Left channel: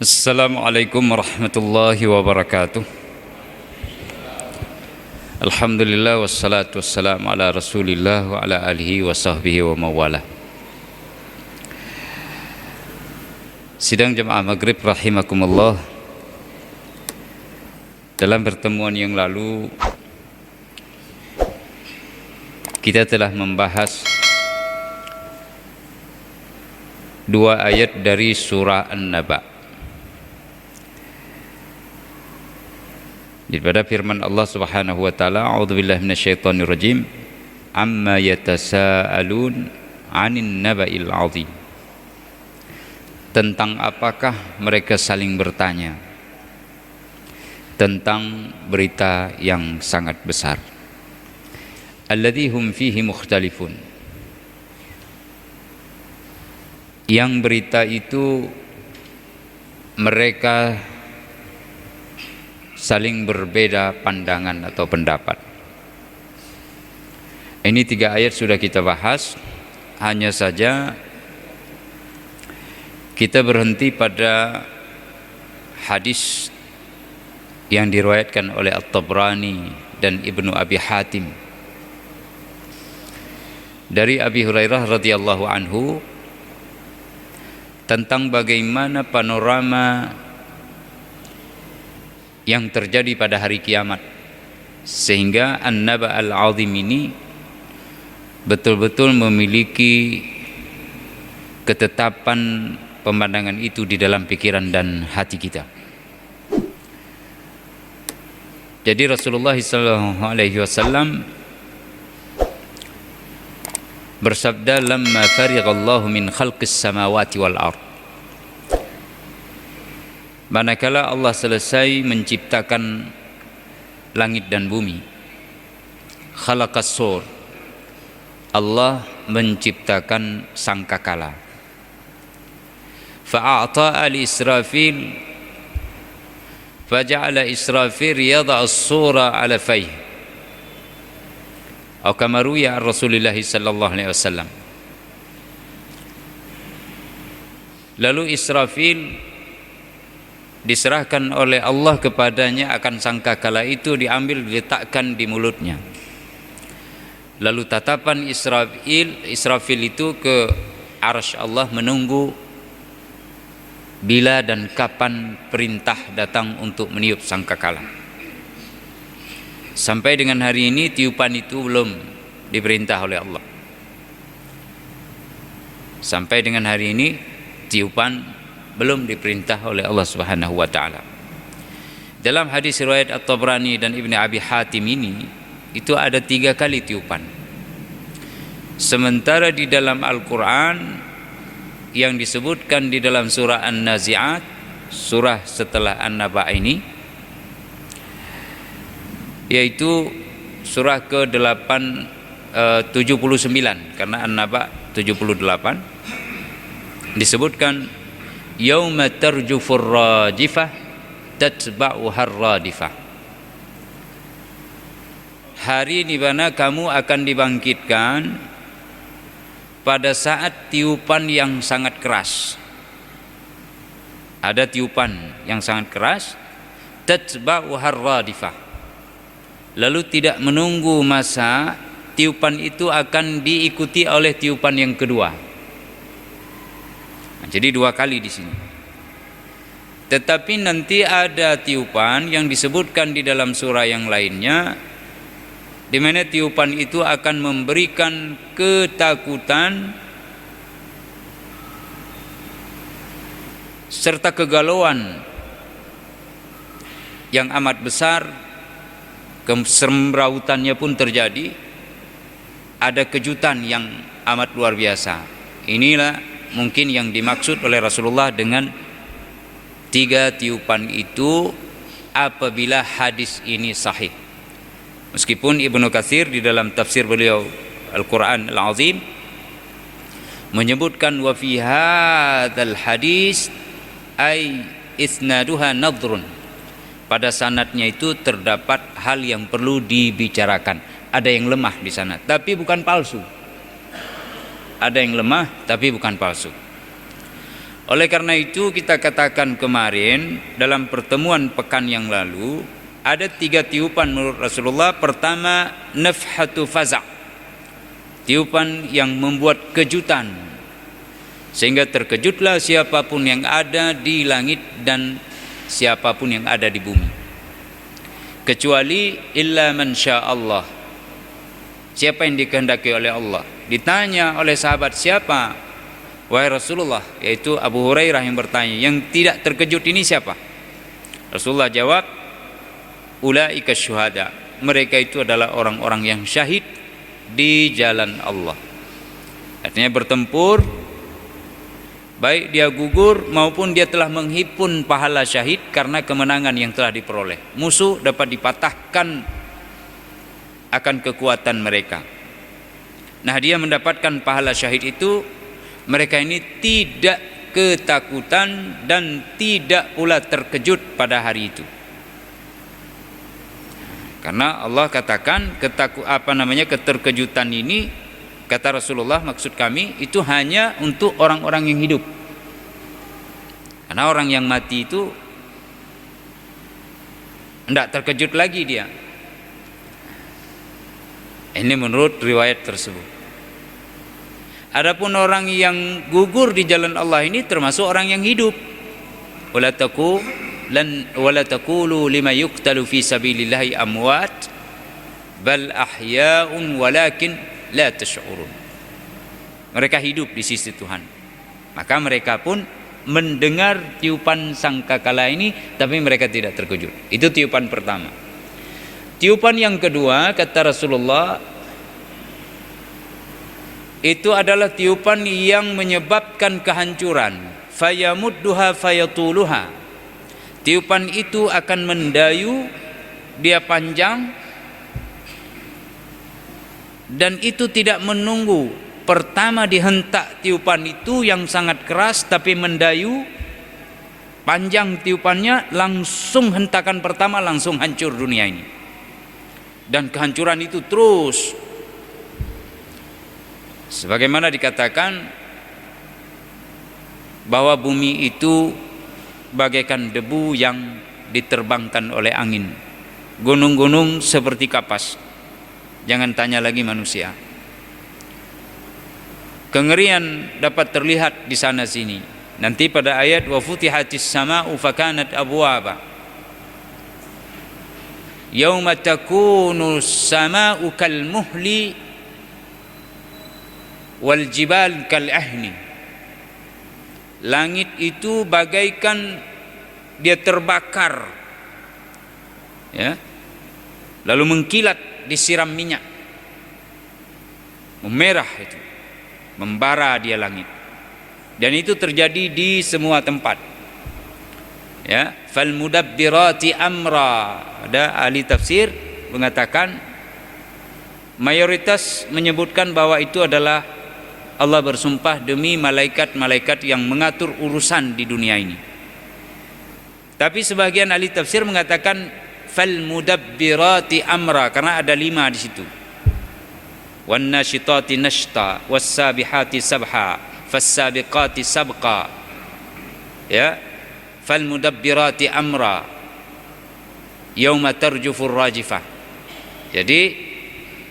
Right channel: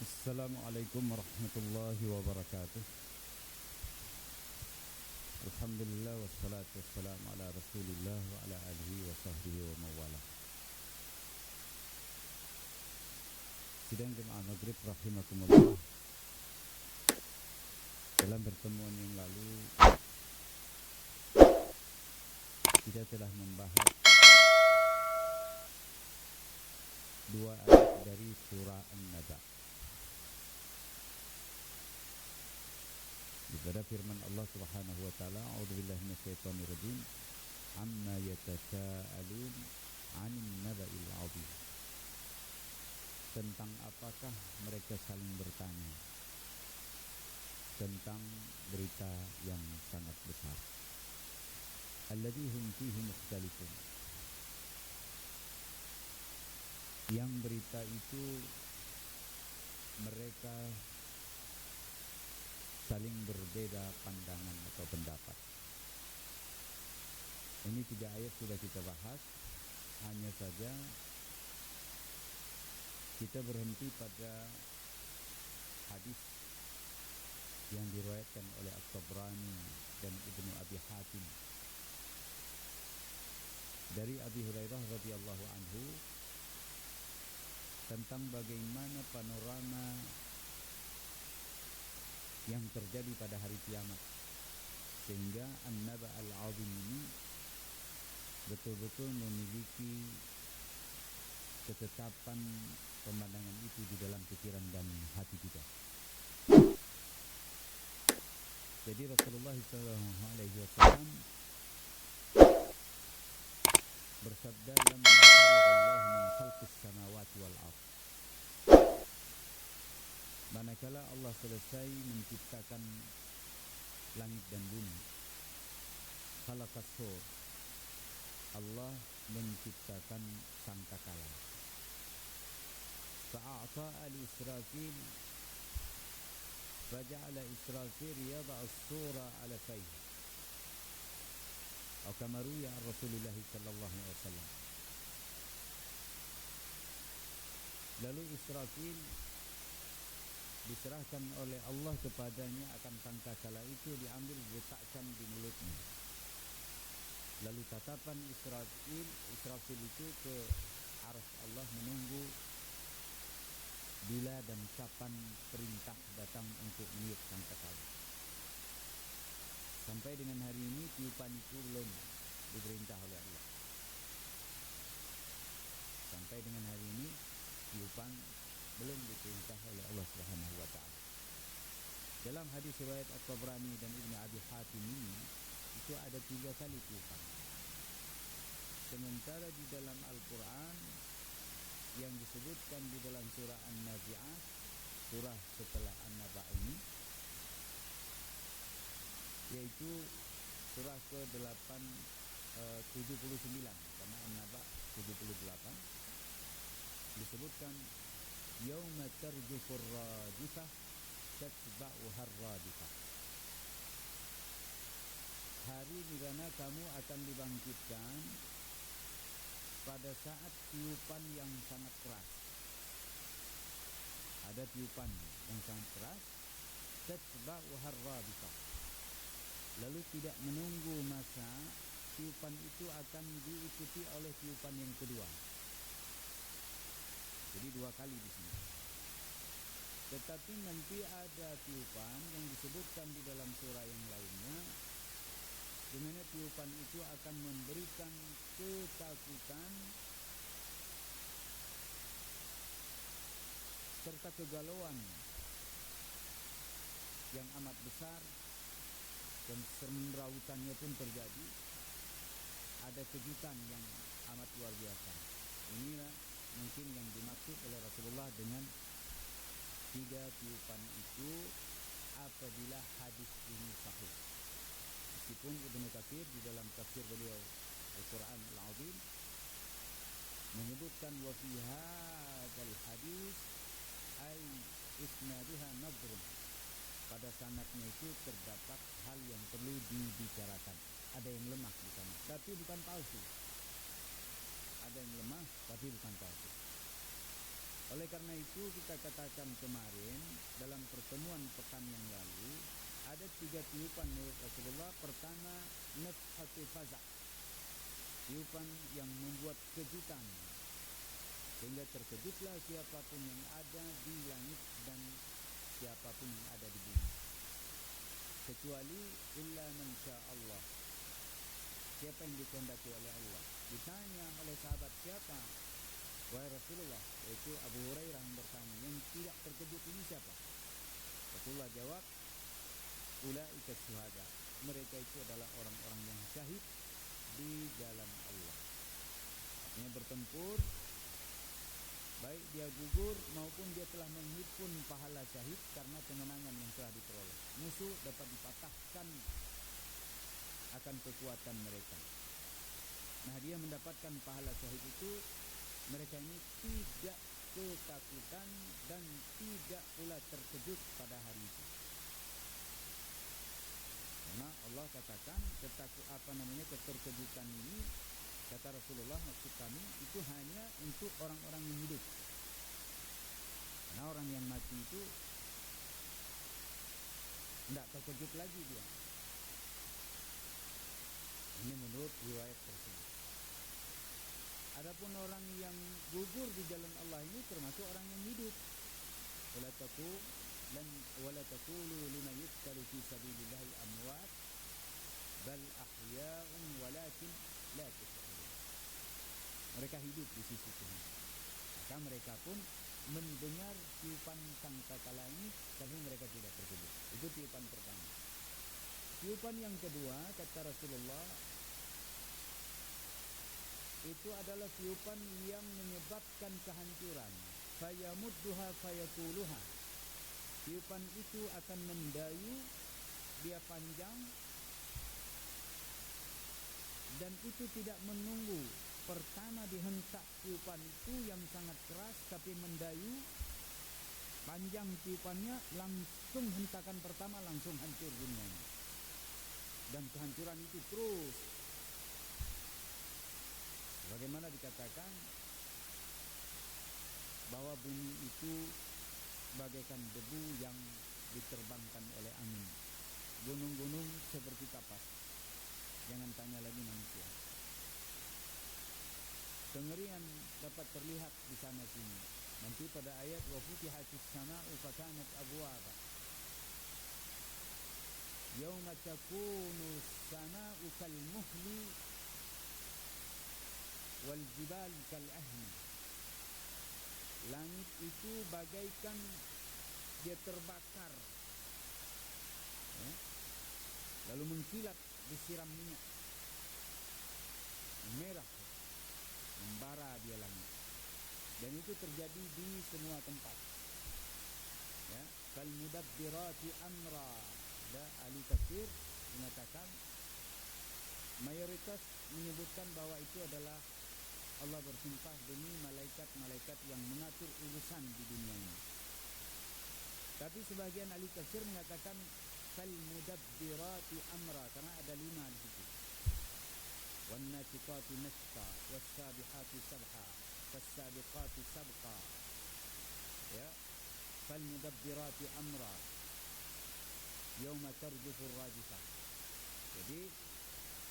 Assalamualaikum warahmatullahi wabarakatuh. Alhamdulillah wassalatu wassalamu ala rasulillah wa ala alihi wa sahbihi wa mawala. Sidang jemaah maghrib rahimakumullah. Dalam pertemuan yang lalu kita telah membahas dua ayat dari surah An-Naba. Daripada firman Allah Subhanahu wa taala, a'udzubillahi minasyaitonir rajim, amma yatasaalun 'anin naba'il 'azim. Tentang apakah mereka saling bertanya? Tentang berita yang sangat besar. Alladzi hum fihi mukhtalifun. Yang berita itu mereka saling berbeda pandangan atau pendapat. Ini tiga ayat sudah kita bahas. Hanya saja kita berhenti pada hadis yang diriwayatkan oleh At-Tabrani dan Ibnu Abi Hatim dari Abi Hurairah radhiyallahu anhu tentang bagaimana panorama yang terjadi pada hari kiamat, sehingga An-Naba Al-Azim ini betul-betul memiliki ketetapan pemandangan itu di dalam pikiran dan hati kita. Jadi Rasulullah SAW bersabda, lamma farighallahu min khalqis samawati wal ard, manakala Allah selesai menciptakan langit dan bumi, khalaqas sur, Allah menciptakan sangkakala, fa'ata'a li Israfil, faja'ala Israfil yada'u as-sura ala fayh, atau kama ruwiya an Rasulillah sallallahu alaihi wasallam. Lalu Israfil diserahkan oleh Allah kepadanya akan sangkakala itu, diambil diletakkan di mulutnya. Lalu tatapan Israfil itu ke arsy Allah menunggu bila dan kapan perintah datang untuk meniup sangkakala. Sampai dengan hari ini tiupan itu belum diperintah oleh Allah. Sampai dengan hari ini tiupan belum diperintah oleh Allah Subhanahu wa taala. Dalam hadis riwayat At-Tabrani dan Ibnu Abi Hatim ini, itu ada 3 kali tiupan. Sementara di dalam Al-Qur'an yang disebutkan di dalam surah An-Nazi'at, surah setelah An-Naba ini, yaitu surah ke-8 79, karena An-Naba 78, disebutkan yauma tarjufur rajifah tatba'uhar radifah. Hari di mana kamu akan dibangkitkan pada saat tiupan yang sangat keras. Ada tiupan yang sangat keras, tatba'uhar radifah. Lalu tidak menunggu masa, tiupan itu akan diikuti oleh tiupan yang kedua. Jadi 2 kali di sini. Tetapi nanti ada tiupan yang disebutkan di dalam surah yang lainnya, di mana tiupan itu akan memberikan ketakutan serta kegalauan yang amat besar. Kesemrautannya pun terjadi. Ada kejutan yang amat luar biasa. Inilah mungkin yang dimaksud oleh Rasulullah dengan 3 tiupan itu apabila hadis ini sahih. Meskipun Ibnu Katsir di dalam tafsir beliau Al-Quran Al-Azim menyebutkan wa fi hadzal hadis ay isnaduha nadhrun, pada sanadnya itu terdapat hal yang perlu dibicarakan. Ada yang lemah di sana, tapi bukan palsu. Ada yang lemah tapi bukan palsu. Oleh karena itu kita katakan kemarin dalam pertemuan pekan yang lalu, ada 3 tiupan menurut Rasulullah. Pertama, nafhatu faza', tiupan yang membuat kejutan, sehingga terkejutlah siapapun yang ada di langit dan siapapun yang ada di bumi, kecuali illa man sya'allah, siapa yang dikehendaki oleh Allah. Ditanya oleh sahabat, siapa wahai Rasulullah? Yaitu Abu Hurairah yang bertanya, yang tidak terkejut ini siapa? Rasulullah jawab, ulaika syuhada, mereka itu adalah orang-orang yang syahid di jalan Allah. Artinya bertempur, baik dia gugur maupun dia telah menghimpun pahala syahid karena kemenangan yang telah diperoleh. Musuh dapat dipatahkan akan kekuatan mereka. Nah, dia mendapatkan pahala syahid itu. Mereka ini tidak ketakutan dan tidak pula terkejut pada hari itu. Karena Allah katakan keterkejutan ini, kata Rasulullah, maksud kami itu hanya untuk orang-orang yang hidup. Karena orang yang mati itu tidak terkejut lagi dia. Ini menurut riwayat tersebut. Adapun orang yang gugur di jalan Allah ini termasuk orang yang hidup. Wala taqulu lima yuqtalu fi sabilillahi amwat bal ahya'un walakin la tash'urun. Mereka hidup di sisi Tuhan. Maka mereka pun mendengar tiupan sangkakala ini, tapi mereka tidak terkejut. Itu tiupan pertama. Tiupan yang kedua, kata Rasulullah, itu adalah tiupan yang menyebabkan kehancuran. Fayamudduha fayatuluha. Tiupan itu akan mendayu, dia panjang, dan itu tidak menunggu. Pertama dihentak tiupan itu yang sangat keras, tapi mendayu, panjang tiupannya, langsung hentakan pertama langsung hancur dunia ini. Dan kehancuran itu terus. Sebagaimana dikatakan bahwa bumi itu bagaikan debu yang diterbangkan oleh angin. Gunung-gunung seperti kapas. Jangan tanya lagi manusia. Kengerian dapat terlihat di sana sini. Nanti pada ayat wa futihatis sama'u fakanat abwaba. Yauma takunu sama'u kal muhli wal jibal kal ahni. Langit itu bagaikan dia terbakar, ya, lalu mengkilat, disiram minyak, memerah itu, membara dia langit. Dan itu terjadi di semua tempat, ya. Fal mudabbirati amra. Ada ahli tafsir mengatakan, mayoritas menyebutkan bahwa itu adalah Allah bersumpah demi malaikat-malaikat yang mengatur urusan di dunia ini. Tapi sebagian ahli tafsir mengatakan fal mudabbirati amra, karena ada 5 di situ. Wan nasyitati nashta, was sabihati sabha, fas sabiqati sabqa. Ya, fal mudabbirati amra yauma tarjufur rajifah. Jadi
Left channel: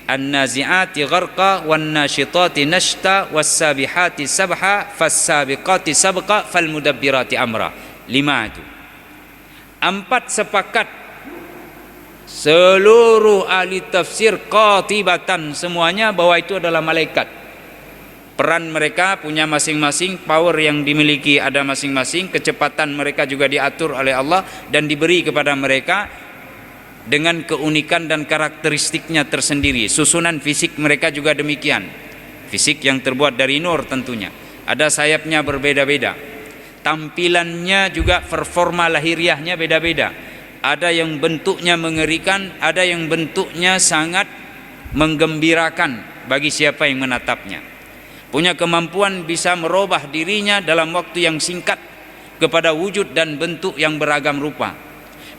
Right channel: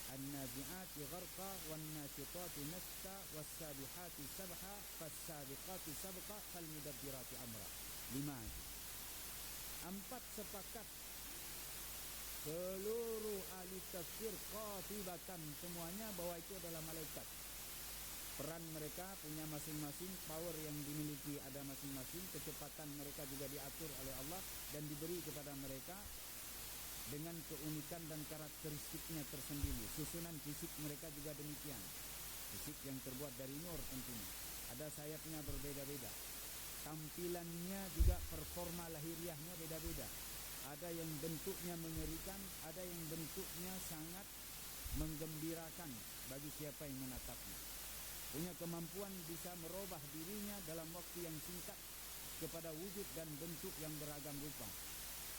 an-nazi'ati gharqa wan nasyitati nashta was sabihati sabha fas sabiqati sabqa fal mudabbirati amra. 5 itu. 4 sepakat seluruh ahli tafsir qatibatan semuanya bahwa itu adalah malaikat. Peran mereka punya masing-masing, power yang dimiliki ada masing-masing, kecepatan mereka juga diatur oleh Allah dan diberi kepada mereka dengan keunikan dan karakteristiknya tersendiri. Susunan fisik mereka juga demikian. Fisik yang terbuat dari nur tentunya. Ada sayapnya berbeda-beda. Tampilannya juga performa lahiriahnya beda-beda. Ada yang bentuknya mengerikan, ada yang bentuknya sangat menggembirakan bagi siapa yang menatapnya. Punya kemampuan bisa merubah dirinya dalam waktu yang singkat kepada wujud dan bentuk yang beragam rupa.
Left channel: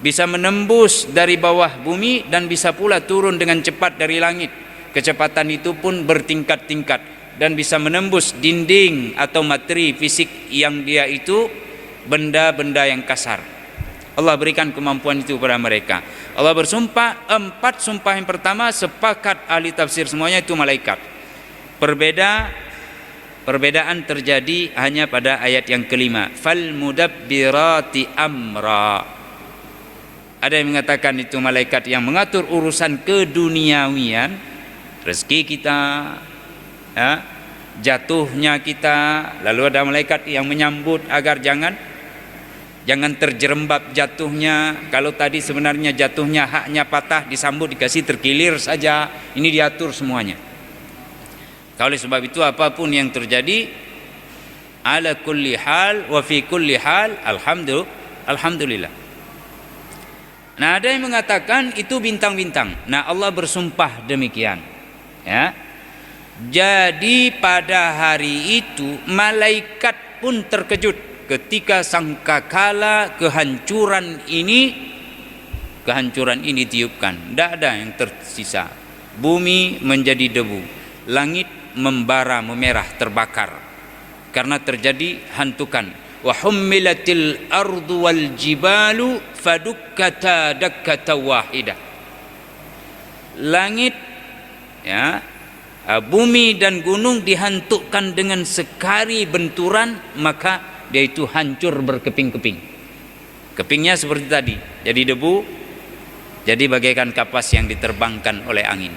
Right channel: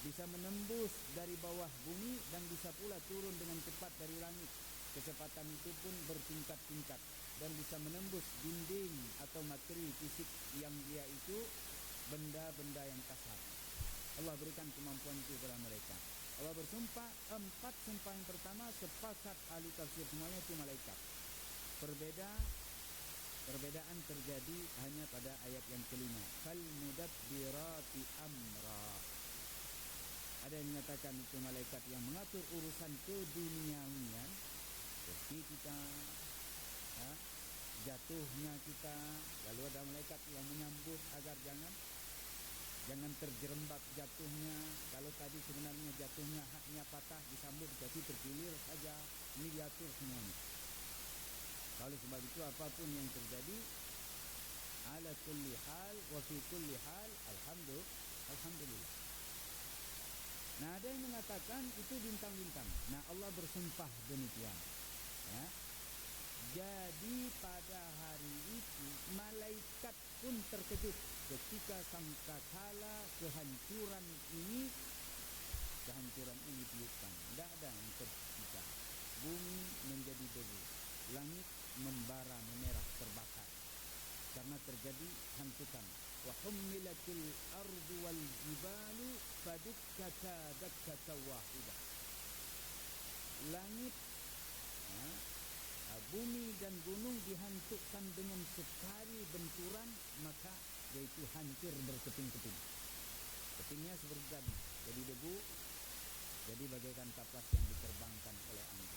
Bisa menembus dari bawah bumi dan bisa pula turun dengan cepat dari langit. Kecepatan itu pun bertingkat-tingkat. dan bisa menembus dinding atau materi fisik yang dia itu benda-benda yang kasar. Allah berikan kemampuan itu kepada mereka. Allah bersumpah, 4 sumpah yang pertama sepakat ahli tafsir semuanya itu malaikat. Perbedaan terjadi hanya pada ayat yang kelima. Fal mudabbirati amra. Ada yang mengatakan itu malaikat yang mengatur urusan keduniawian, rezeki kita, ya, jatuhnya kita. Lalu ada malaikat yang menyambut agar jangan terjerembab jatuhnya. Kalau tadi sebenarnya jatuhnya haknya patah, disambut dikasih terkilir saja. Ini diatur semuanya. Oleh sebab itu apapun yang terjadi, ala kulli hal wa fi kulli hal alhamdulillah. Nah, ada yang mengatakan itu bintang-bintang. Nah, Allah bersumpah demikian. Ya. Jadi pada hari itu malaikat pun terkejut ketika sangkakala kehancuran ini ditiupkan. Tidak ada yang tersisa. Bumi menjadi debu, langit membara, memerah, terbakar karena terjadi hantukan. Wa hummilatil ardu wal jibalu fadukkata dakkata wahidah. Langit, ya, bumi dan gunung dihantukkan dengan sekali benturan, maka dia itu hancur berkeping-keping. Kepingnya seperti tadi, jadi debu, jadi bagaikan kapas yang diterbangkan oleh angin.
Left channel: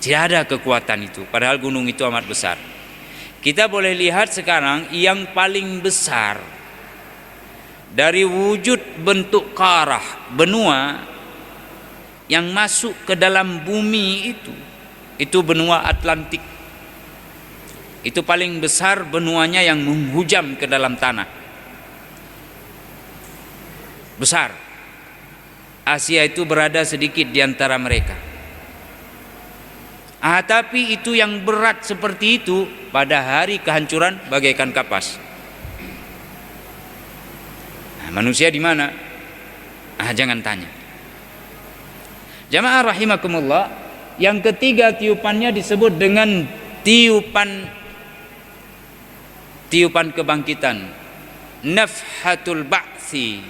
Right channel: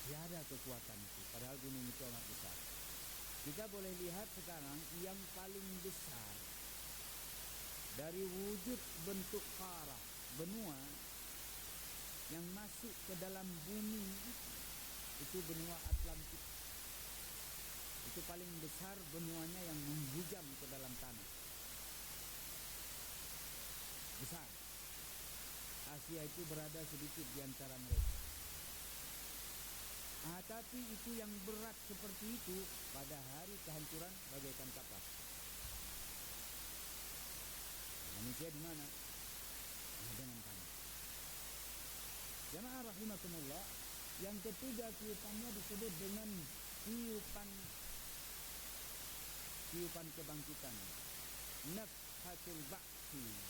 Tidak ada kekuatan itu, padahal gunung itu amat besar. Kita boleh lihat sekarang yang paling besar dari wujud bentuk karah benua yang masuk ke dalam bumi itu benua Atlantik. Itu paling besar benuanya yang menghujam ke dalam tanah. Besar. Asia itu berada sedikit di antara mereka. Tapi itu yang berat seperti itu pada hari kehancuran bagaikan kapas. Manusia di mana? Jangan tanya. Jamaah rahimakumullah, yang ketiga tiupannya disebut dengan tiupan kebangkitan, nafhatul ba'tsi.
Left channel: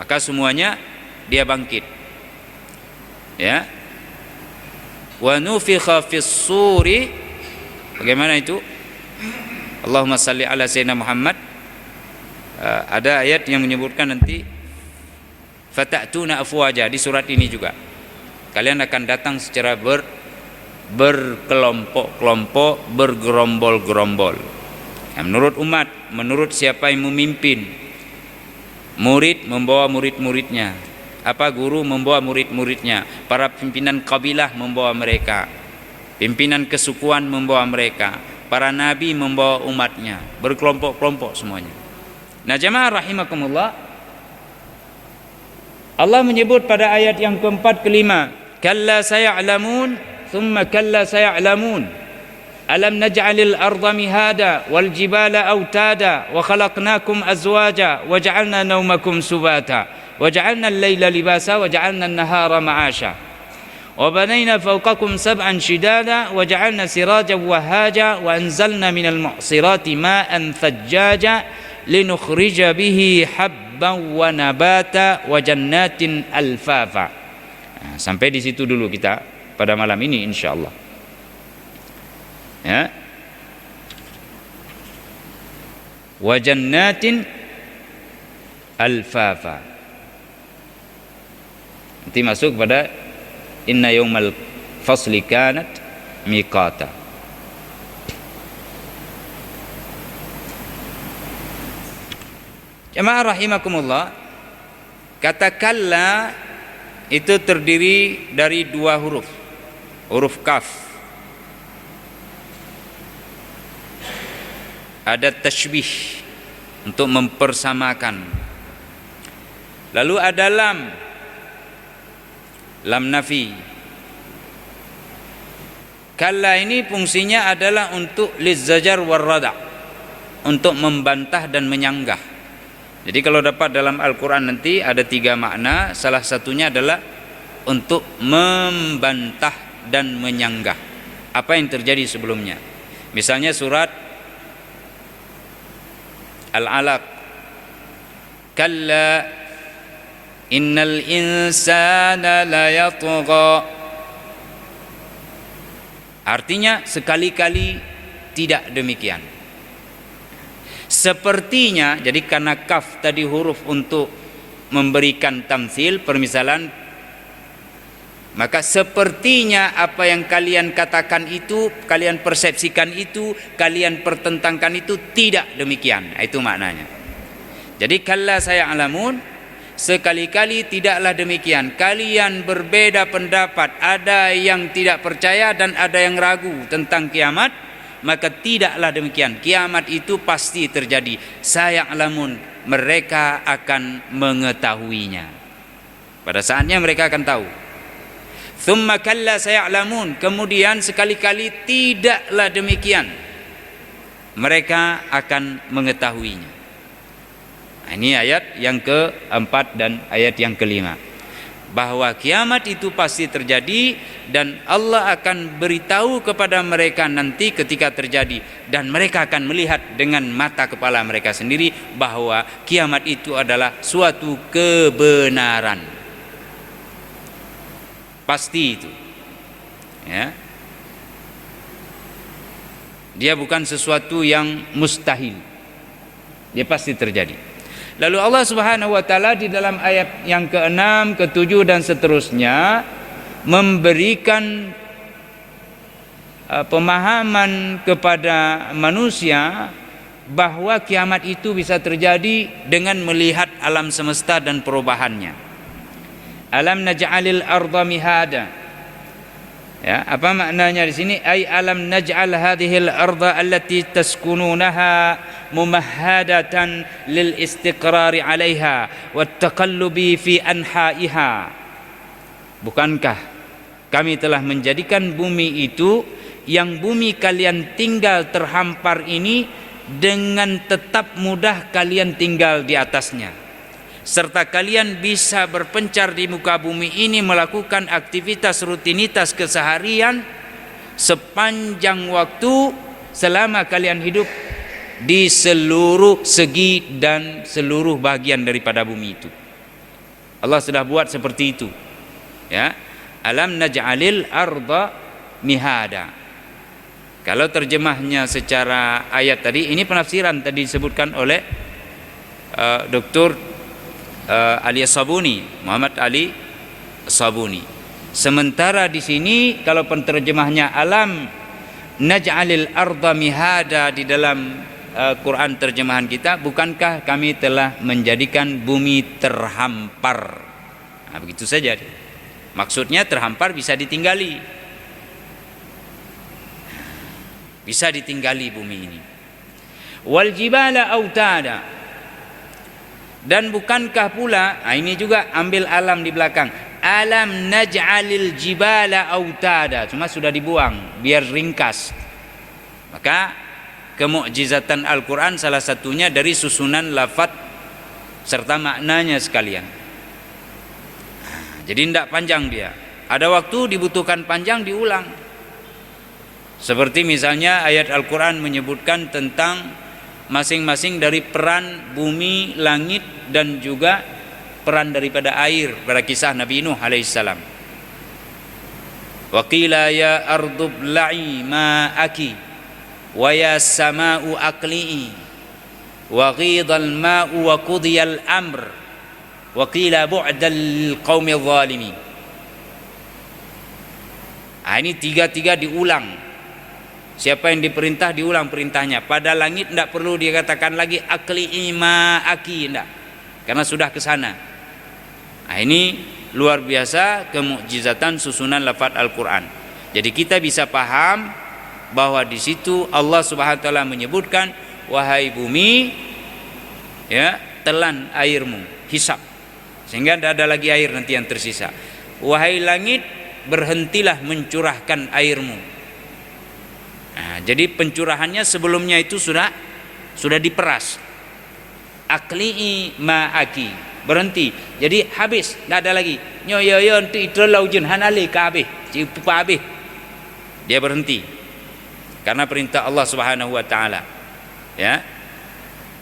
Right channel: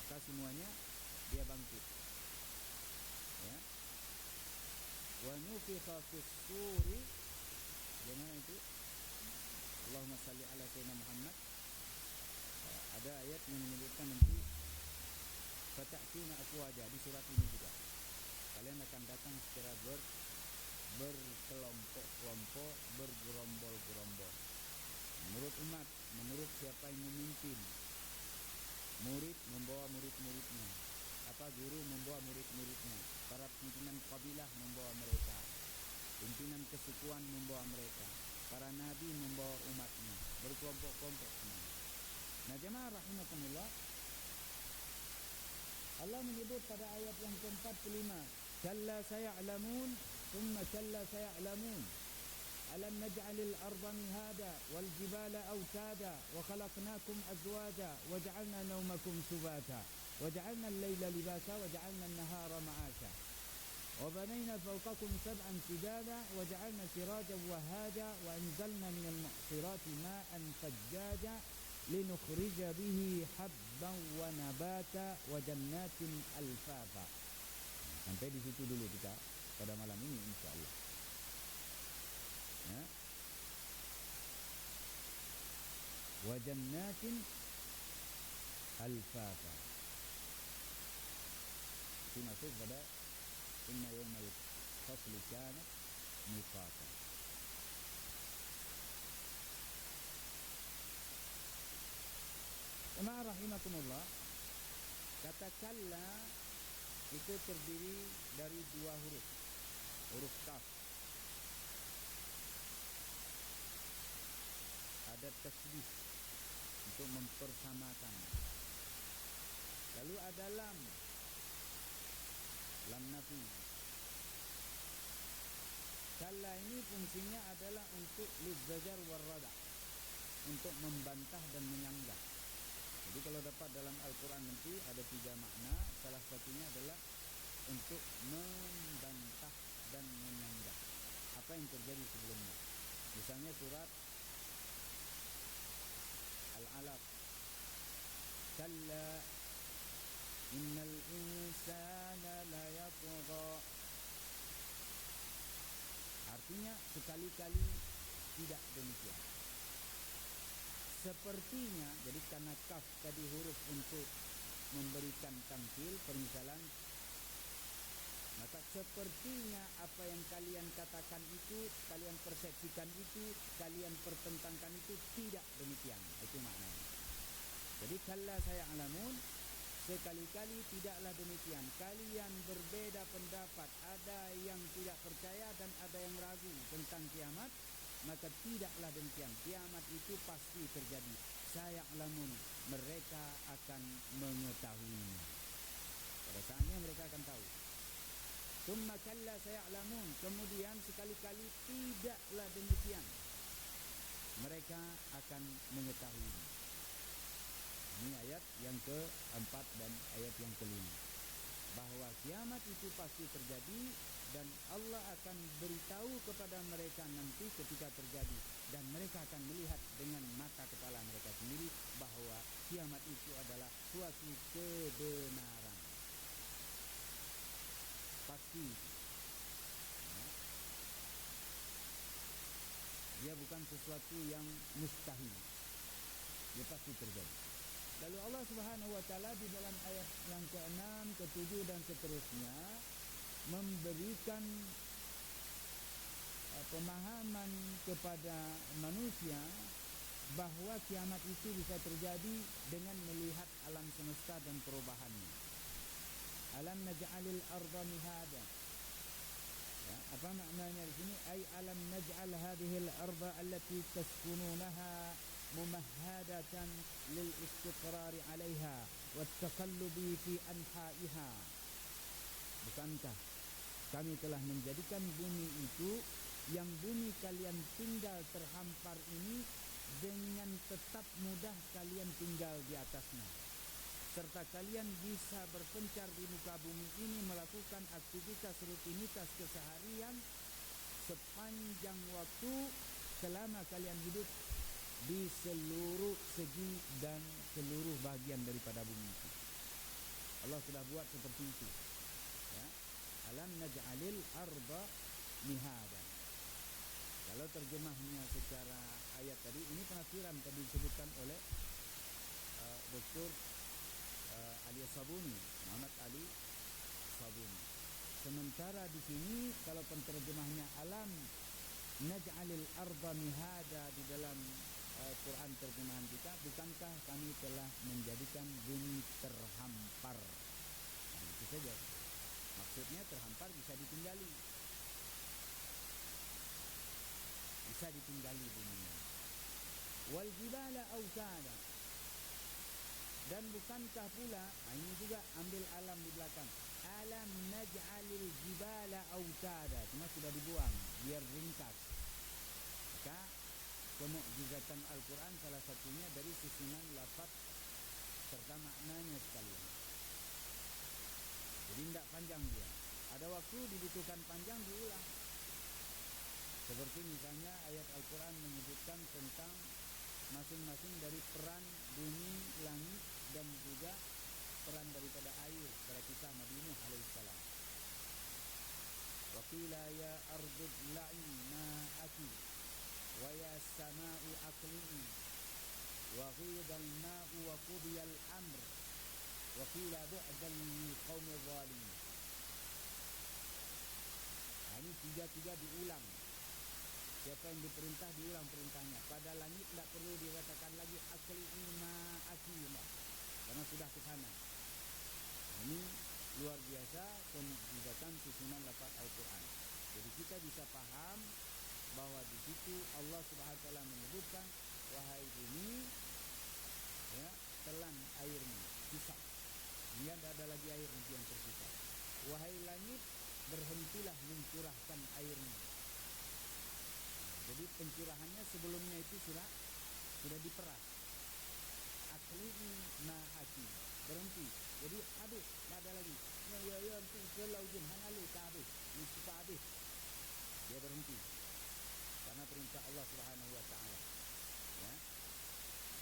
Maka semuanya dia bangkit. Ya. Wa nufikha fis suri. Bagaimana itu? Allahumma salli ala sayyidina Muhammad. Ada ayat yang menyebutkan nanti fata'tuna afwaja di surat ini juga. Kalian akan datang secara berkelompok-kelompok, bergerombol-gerombol. Menurut umat, menurut siapa yang memimpin. Murid membawa murid-muridnya. Guru membawa murid-muridnya. Para pimpinan kabilah membawa mereka. Pimpinan kesukuan membawa mereka. Para nabi membawa umatnya. Berkelompok-kelompok semuanya. Nah, jemaah rahimakumullah, Allah menyebut pada ayat yang keempat kelima, kalla saya'lamun thumma kalla saya'lamun alam naj'alil arda mihada wal jibala autada wa khalaqnakum azwaja wa ja'alna naumakum subata wa ja'alna al-laila libasa wa ja'alna an-nahara ma'asha wa banayna fawqakum sab'an shidada wa ja'alna sirajan wahaja wa anzalna minal mu'sirati ma'an thajjaja linukhrija bihi habban wa nabata wa jannatin alfafa. Sampai di situ dulu kita pada malam ini insyaallah. Ya. Wa jannatin alfafa. Nanti masuk pada inna yaumal fasli kanat miqata. Jemaah rahimakumullah, kata kalla itu terdiri dari dua huruf. Huruf kaf. Ada tashbih untuk mempersamakan. Lalu ada lam. Lam nafi. Kalla ini fungsinya adalah untuk lizzajar warrada, untuk membantah dan menyanggah. Jadi kalau dapat dalam Al-Quran nanti ada 3 makna. Salah satunya adalah untuk membantah dan menyanggah. apa yang terjadi sebelumnya. Misalnya surat Al-Alaq, kalla innal insana layatgha. Artinya sekali-kali tidak demikian. Sepertinya, jadi karena kaf tadi huruf untuk memberikan tamtsil, permisalan, maka sepertinya apa yang kalian katakan itu, kalian persepsikan itu, kalian pertentangkan itu tidak demikian. Itu maknanya. Jadi kalla saya'lamun, sekali-kali tidaklah demikian. Kalian berbeda pendapat, ada yang tidak percaya dan ada yang ragu tentang kiamat, maka tidaklah demikian. Kiamat itu pasti terjadi. Saya'lamun, mereka akan mengetahuinya. Pada saatnya mereka akan tahu. Thumma kalla saya'lamun, kemudian sekali-kali tidaklah demikian. Mereka akan mengetahuinya. Ini ayat yang keempat dan ayat yang kelima. Bahwa kiamat itu pasti terjadi dan Allah akan beritahu kepada mereka nanti ketika terjadi. Dan mereka akan melihat dengan mata kepala mereka sendiri bahwa kiamat itu adalah suatu kebenaran. Pasti itu. Ya. Dia bukan sesuatu yang mustahil. Dia pasti terjadi. Lalu Allah Subhanahu wa taala di dalam ayat yang ke-6, ke-7 dan seterusnya memberikan pemahaman kepada manusia bahwa kiamat itu bisa terjadi dengan melihat alam semesta dan perubahannya. Alam naj'alil arda mihada. Ya, apa maknanya di sini? Ai alam naj'al hadhil arda allati taskununaha mumahhadatan lil istiqrari 'alaiha wat taqallubi fi anha'iha. Bukankah kami telah menjadikan bumi itu, yang bumi kalian tinggal terhampar ini, dengan tetap mudah kalian tinggal di atasnya, serta kalian bisa berpencar di muka bumi ini melakukan aktivitas rutinitas keseharian sepanjang waktu selama kalian hidup di seluruh segi dan seluruh bagian daripada bumi itu. Allah sudah buat seperti itu. Ya, alam naj'alil arda mihada. Kalau terjemahnya secara ayat tadi, ini penafsiran tadi disebutkan oleh Dr. Ali Sabuni, Muhammad Ali Sabuni. Sementara di sini kalau penterjemahnya alam naj'alil arda mihada di dalam Quran terjemahan kita, bukankah kami telah menjadikan bumi terhampar. Nah, begitu saja. Maksudnya terhampar bisa ditinggali. Bisa ditinggali bumi ini. Wal jibala autada. Dan bukankah pula, ini juga ambil alam di belakang. Alam naj'alil jibala autada. Cuma sudah dibuang biar ringkas. Maka kemukjizatan Al-Quran salah satunya dari susunan lafaz serta maknanya sekalian. Jadi tidak panjang dia. Ada waktu dibutuhkan panjang diulang. Seperti misalnya ayat Al-Quran menyebutkan tentang masing-masing dari peran bumi, langit dan juga peran daripada air pada kisah Nabi Nuh alaihissalam. Wa qila ya ardu bla'i ma'aki wa ya sama'u aqli'i wa ghidal ma'u wa qudiyal amr wa qila bu'dal qaumil zalimin. Ini tiga-tiga diulang. Siapa yang diperintah diulang perintahnya. Pada langit tidak perlu dikatakan lagi aqli'i ma'aki, tidak, karena sudah ke sana. Ini luar biasa kemukjizatan susunan lafaz Al-Quran. Jadi kita bisa paham bahwa di situ Allah Subhanahu wa taala menyebutkan, wahai bumi, ya, telan airmu, hisab, sehingga tidak ada lagi air nanti yang tersisa. Wahai langit, berhentilah mencurahkan airmu. Nah, jadi pencurahannya sebelumnya itu sudah diperas. Aqli'i ma'aki, berhenti. Jadi habis, tidak ada lagi. Nyoyoyon tu itu laujun hanali ka habis, cipa habis. Dia berhenti karena perintah Allah Subhanahu wa taala. Ya.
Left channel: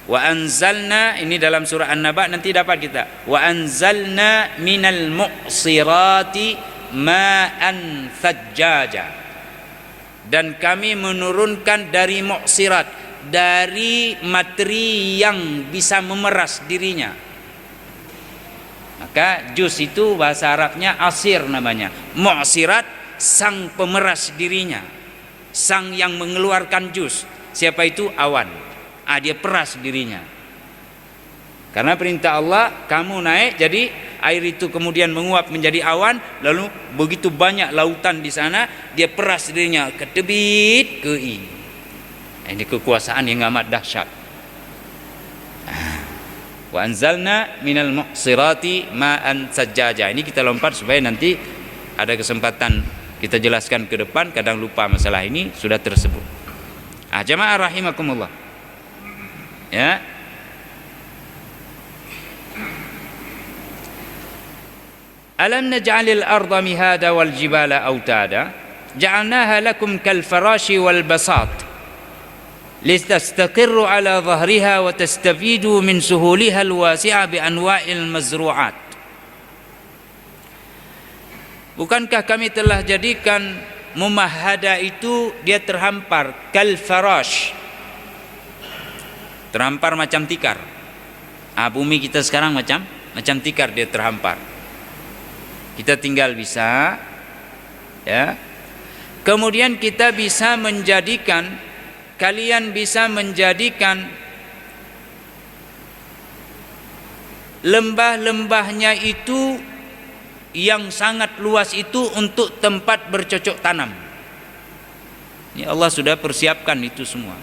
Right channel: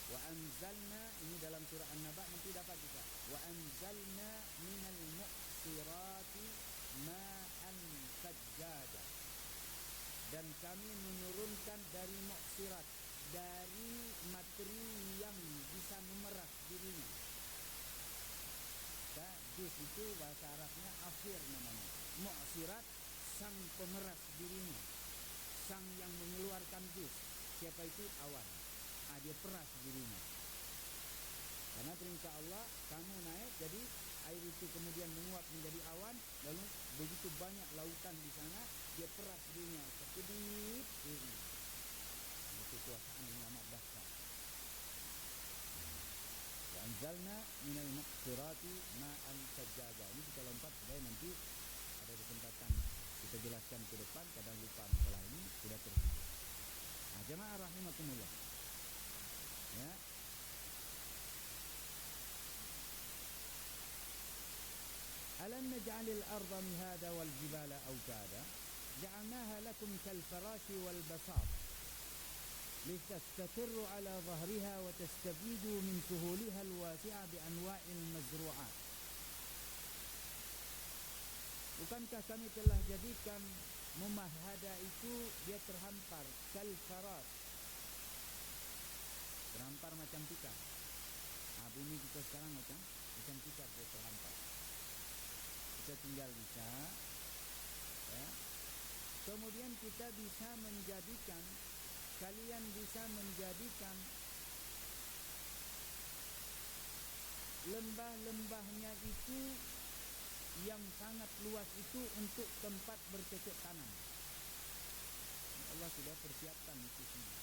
Wa anzalna, ini dalam surah An-Naba nanti dapat kita. Wa anzalna minal mu'sirati ma'an thajjaja. Dan kami menurunkan dari mu'sirat, dari materi yang bisa memeras dirinya. Maka jus itu bahasa Arabnya asir namanya. Mu'sirat, sang pemeras dirinya, sang yang mengeluarkan jus. Siapa itu? Awan. Dia peras dirinya. Karena perintah Allah, kamu naik, jadi air itu kemudian menguap menjadi awan, lalu begitu banyak lautan di sana, dia peras dirinya ke tebit ke i. Ini kekuasaan yang amat dahsyat. Wa anzalna minal muqsirati ma'an sajjaja. Ini kita lompat supaya nanti ada kesempatan kita jelaskan ke depan, kadang lupa masalah ini sudah tersebut. Jamaah rahimakumullah. Ya. Alam naj'alil arda mihada wal jibala autada ja'alnaha lakum kal farashi wal basat litastaqirru ala dhahriha wa tastafidu min suhuliha al wasi'a bi anwa'il mazru'at. Bukankah kami telah jadikan mumahada itu dia terhampar kal farash, terhampar macam tikar. Bumi kita sekarang macam tikar, dia terhampar. Kita tinggal bisa, ya. Kemudian kita bisa menjadikan, kalian bisa menjadikan lembah-lembahnya itu yang sangat luas itu untuk tempat bercocok tanam. Ini Allah sudah persiapkan itu semua.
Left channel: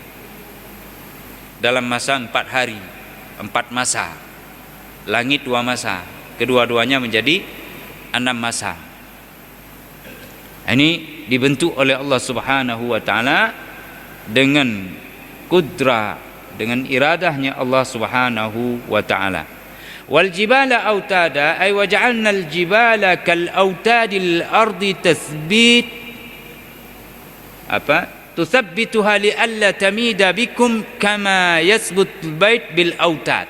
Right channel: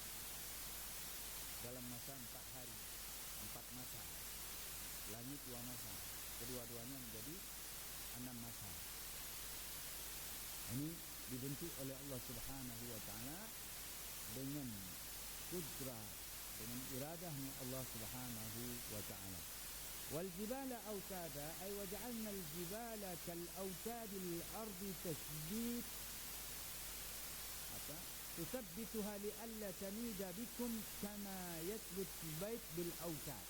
Dalam masa 4 hari, 4 masa, langit 2 masa, kedua-duanya menjadi 6 masa. Ini dibentuk oleh Allah Subhanahu wa taala dengan kudra, dengan iradahnya Allah Subhanahu wa taala. Wal jibala autada ay waja'alna al jibala kal autadil ardi tathbit tuthabbituha li alla tamida bikum kama yathbut bait bil autad.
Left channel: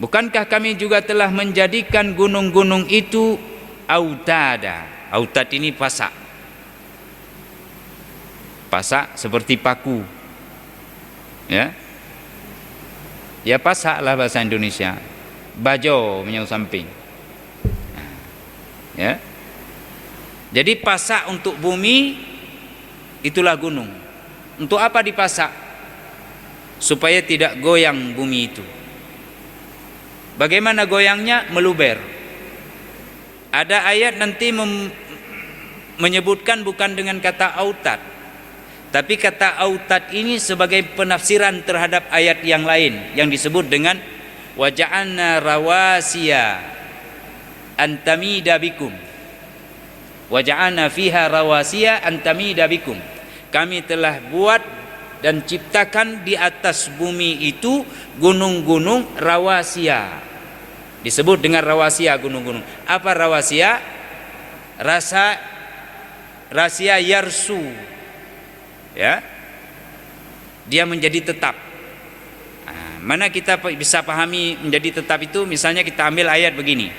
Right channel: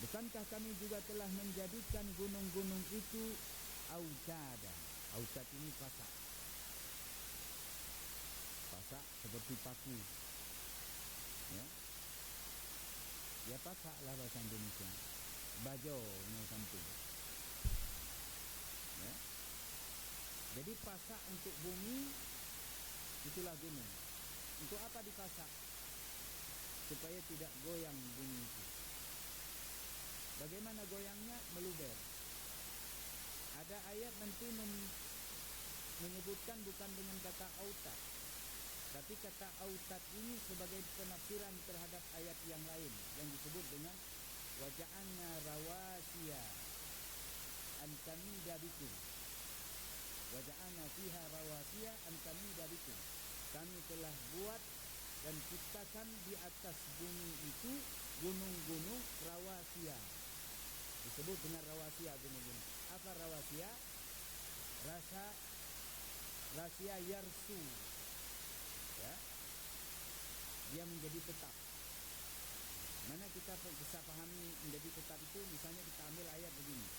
Bukankah kami juga telah menjadikan gunung-gunung itu autada. Autad ini pasak. Pasak seperti paku. Ya. Ya pasak lah bahasa Indonesia. Bajo punya samping. Ya. Jadi pasak untuk bumi itulah gunung. Untuk apa dipasak? Supaya tidak goyang bumi itu. Bagaimana goyangnya? Meluber. Ada ayat nanti menyebutkan bukan dengan kata autad, tapi kata autad ini sebagai penafsiran terhadap ayat yang lain yang disebut dengan waja'alna rawasiya antamida bikum. Waja'alna fiha rawasiya antamida bikum. Kami telah buat dan ciptakan di atas bumi itu gunung-gunung rawasiya. Disebut dengan rawasiya gunung-gunung. Apa rawasiya? Rasia yarsu. Ya. Dia menjadi tetap. Mana kita bisa pahami menjadi tetap itu? Misalnya kita ambil ayat begini.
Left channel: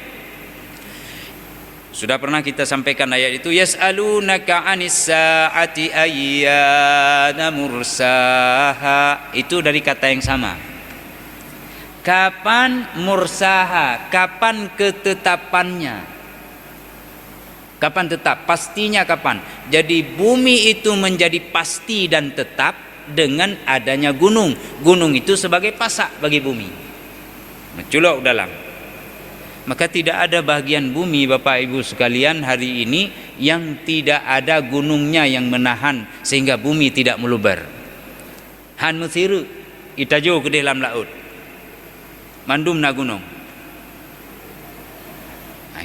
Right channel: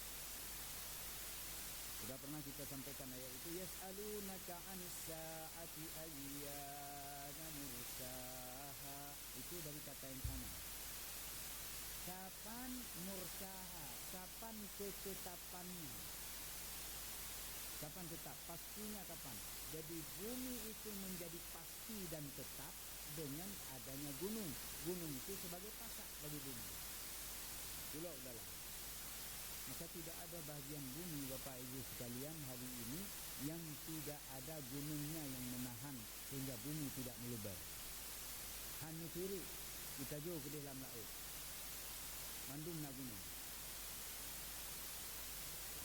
Sudah pernah kita sampaikan ayat itu, yas'alunaka 'anis sa'ati ayyana mursaha. Itu dari kata yang sama. Kapan mursaha? Kapan ketetapannya? Kapan tetap? Pastinya kapan? Jadi bumi itu menjadi pasti dan tetap dengan adanya gunung. Gunung itu sebagai pasak bagi bumi. Menculok dalam. Maka tidak ada bagian bumi Bapak Ibu sekalian hari ini yang tidak ada gunungnya yang menahan sehingga bumi tidak meluber. Han musiru itajo ke dalam laut. Mandum na gunung.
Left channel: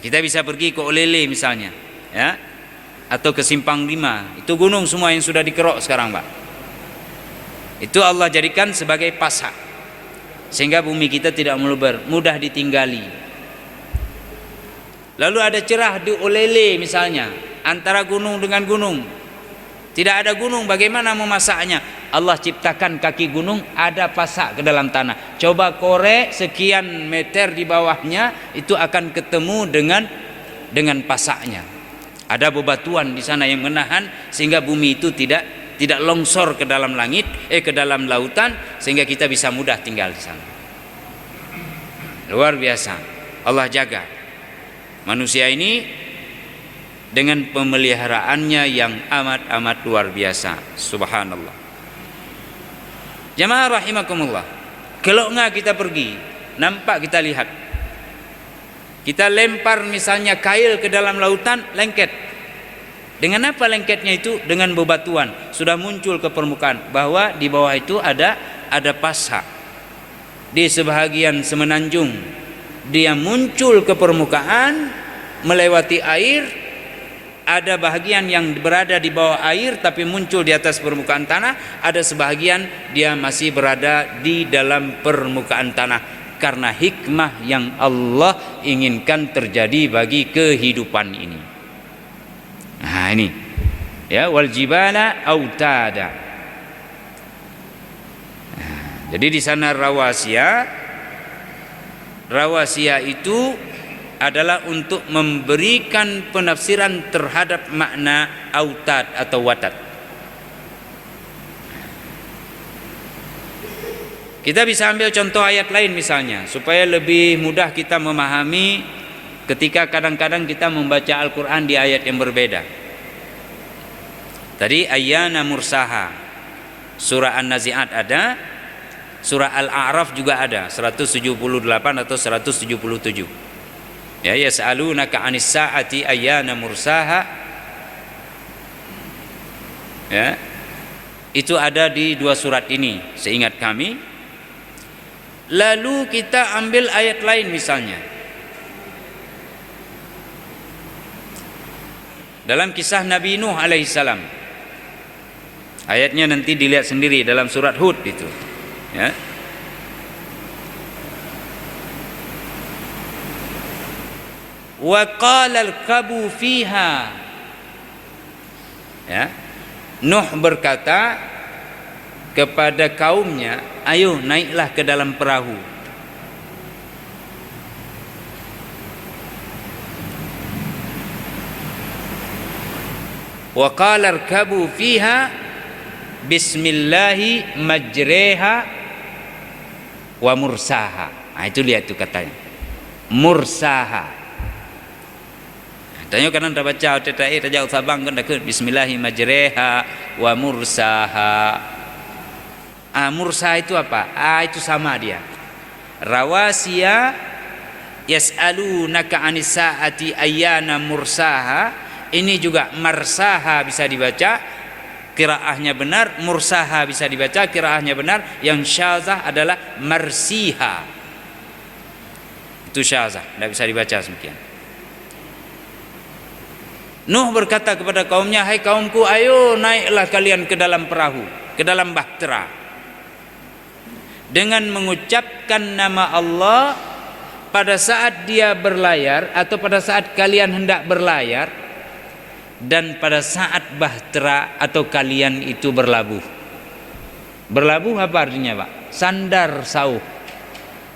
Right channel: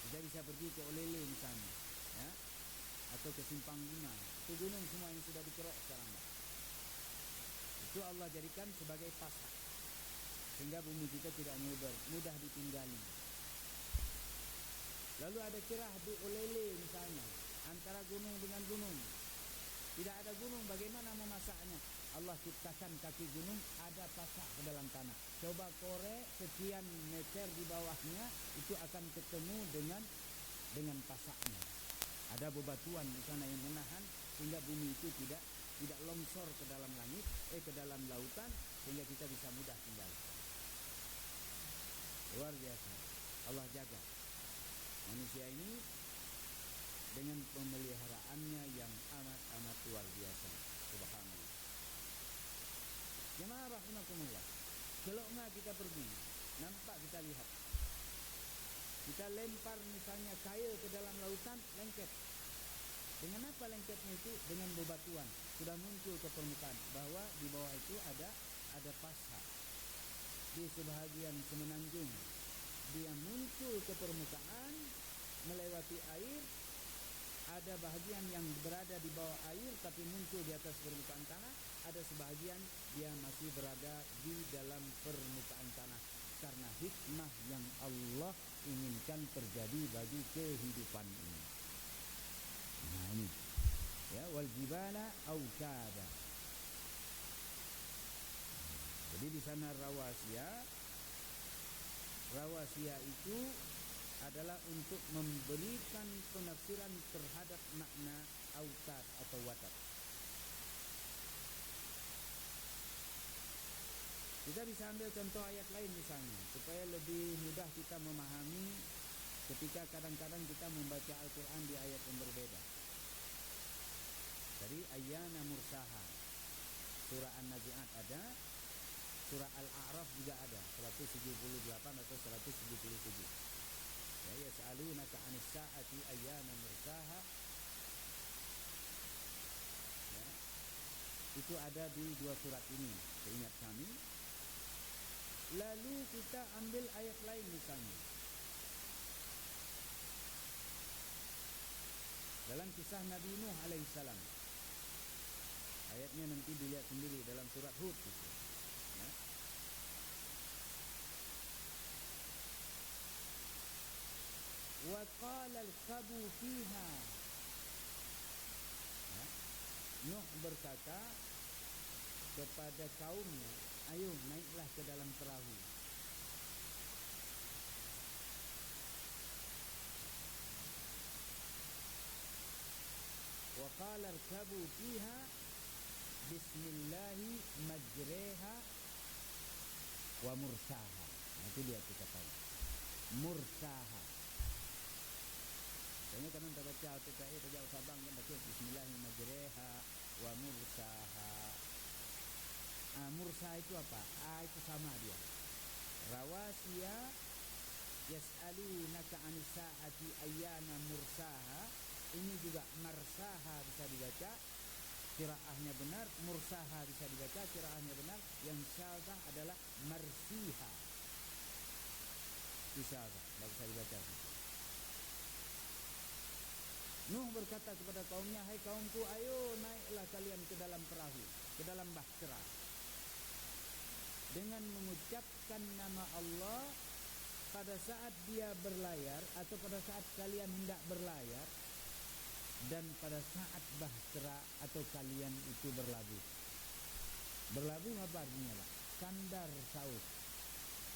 Kita bisa pergi ke Olele misalnya, ya, atau ke Simpang 5. Itu gunung semua yang sudah dikerok sekarang, Pak. Itu Allah jadikan sebagai pasak sehingga bumi kita tidak meluber, mudah ditinggali. Lalu ada cerah di Olele misalnya, antara gunung dengan gunung. Tidak ada gunung, bagaimana memasaknya? Allah ciptakan kaki gunung, ada pasak ke dalam tanah. Coba korek sekian meter di bawahnya, itu akan ketemu dengan pasaknya. Ada bebatuan di sana yang menahan sehingga bumi itu tidak longsor ke dalam langit, ke dalam lautan, sehingga kita bisa mudah tinggal di sana. Luar biasa. Allah jaga manusia ini dengan pemeliharaannya yang amat luar biasa. Subhanallah. Jamaah rahimakumullah. Kalau enggak kita pergi, nampak kita lihat. Kita lempar misalnya kail ke dalam lautan, lengket. Dengan apa lengketnya itu? Dengan bebatuan. Sudah muncul ke permukaan bahwa di bawah itu ada pasak. Di sebahagian semenanjung dia muncul ke permukaan melewati air. Ada bahagian yang berada di bawah air tapi muncul di atas permukaan tanah. Ada sebahagian dia masih berada di dalam permukaan tanah, karena hikmah yang Allah inginkan terjadi bagi kehidupan ini. Nah ini ya, wal jibala autada. Jadi di sana rawasiya itu adalah untuk memberikan penafsiran terhadap makna autad atau watad. Kita bisa ambil contoh ayat lain misalnya, supaya lebih mudah kita memahami ketika kadang-kadang kita membaca Al-Quran di ayat yang berbeda. Tadi ayyana mursaha, surah An-Nazi'at ada, surah Al-A'raf juga ada, 178 atau 177. Ya, yas'alunaka 'anis sa'ati ayyana mursaha. Ya. Itu ada di dua surat ini, seingat kami. Lalu kita ambil ayat lain misalnya. Dalam kisah Nabi Nuh alaihissalam. Ayatnya nanti dilihat sendiri dalam surat Hud itu. Ya. Wa qala al-kabu fiha. Ya. Nuh berkata kepada kaumnya, ayo naiklah ke dalam perahu. Wa qala al-kabu fiha bismillahi majreha wa mursaha. Nah, itu lihat tuh katanya. Mursaha. Tanya kan anda baca tetai Raja Sabang kan dah ke bismillahi majreha wa mursaha. Mursaha itu apa? Itu sama dia. Rawasiya yas'alunaka 'anis sa'ati ayyana mursaha. Ini juga marsaha bisa dibaca, qiraahnya benar. Mursaha bisa dibaca, qiraahnya benar. Yang syazah adalah marsiha. Itu syazah, tidak bisa dibaca demikian. Nuh berkata kepada kaumnya, hai kaumku, ayo naiklah kalian ke dalam perahu, ke dalam bahtera, dengan mengucapkan nama Allah pada saat dia berlayar atau pada saat kalian hendak berlayar, dan pada saat bahtera atau kalian itu berlabuh. Berlabuh apa artinya, Pak? Sandar sauh.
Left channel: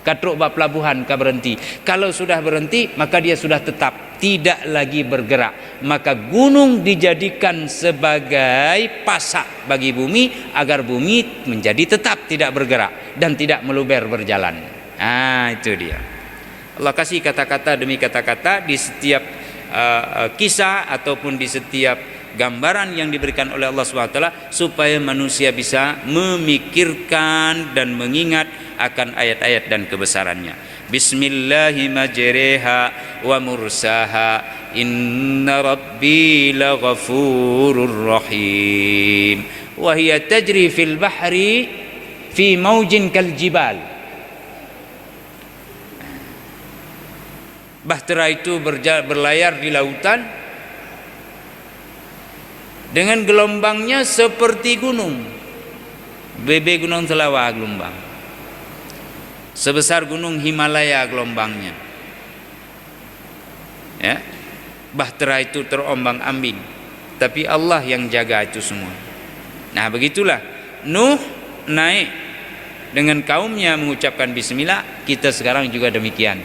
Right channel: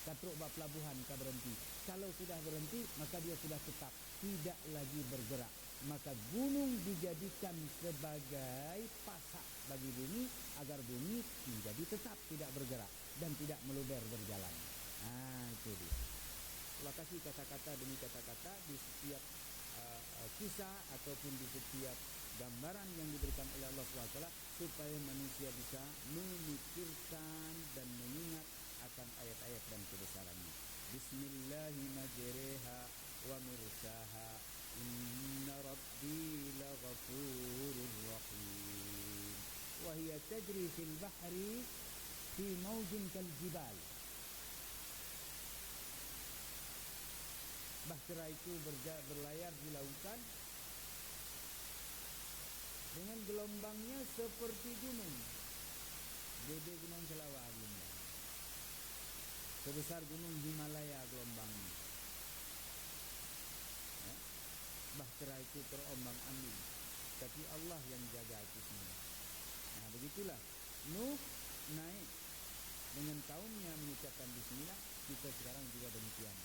Katruk bab pelabuhan ka berhenti. Kalau sudah berhenti maka dia sudah tetap, tidak lagi bergerak. Maka gunung dijadikan sebagai pasak bagi bumi agar bumi menjadi tetap tidak bergerak dan tidak meluber berjalan. Itu dia. Allah kasih kata-kata demi kata-kata di setiap kisah ataupun di setiap gambaran yang diberikan oleh Allah SWT, supaya manusia bisa memikirkan dan mengingat akan ayat-ayat dan kebesarannya. Bismillahi majreha wa mursaha inna rabbi laghafurur rahim wa hiya tajri fil bahri fi maujin kal jibal. Bahtera itu berlayar di lautan dengan gelombangnya seperti gunung. Bebe gunung Selawa gelombang. Sebesar gunung Himalaya gelombangnya. Ya. bahtera itu terombang-ambing, tapi Allah yang jaga itu semua. Nah, begitulah Nuh naik dengan kaumnya mengucapkan bismillah, kita sekarang juga demikian.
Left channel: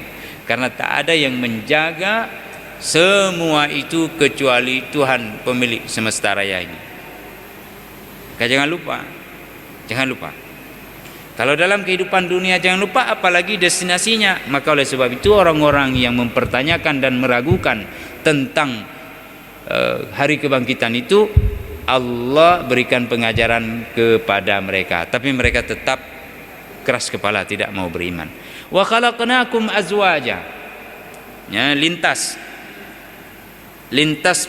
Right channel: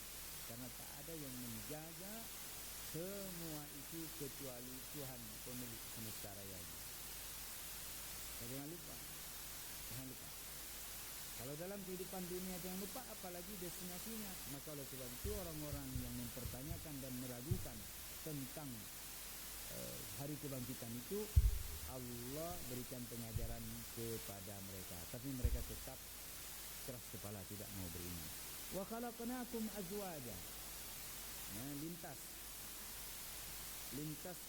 Karena tak ada yang menjaga semua itu kecuali Tuhan pemilik semesta raya ini. Jangan lupa. Kalau dalam kehidupan dunia jangan lupa, apalagi destinasinya. Maka oleh sebab itu orang-orang yang mempertanyakan dan meragukan tentang hari kebangkitan itu, Allah berikan pengajaran kepada mereka, tapi mereka tetap keras kepala, tidak mau beriman. Wa khalaqnakum azwaja. Ya, lintas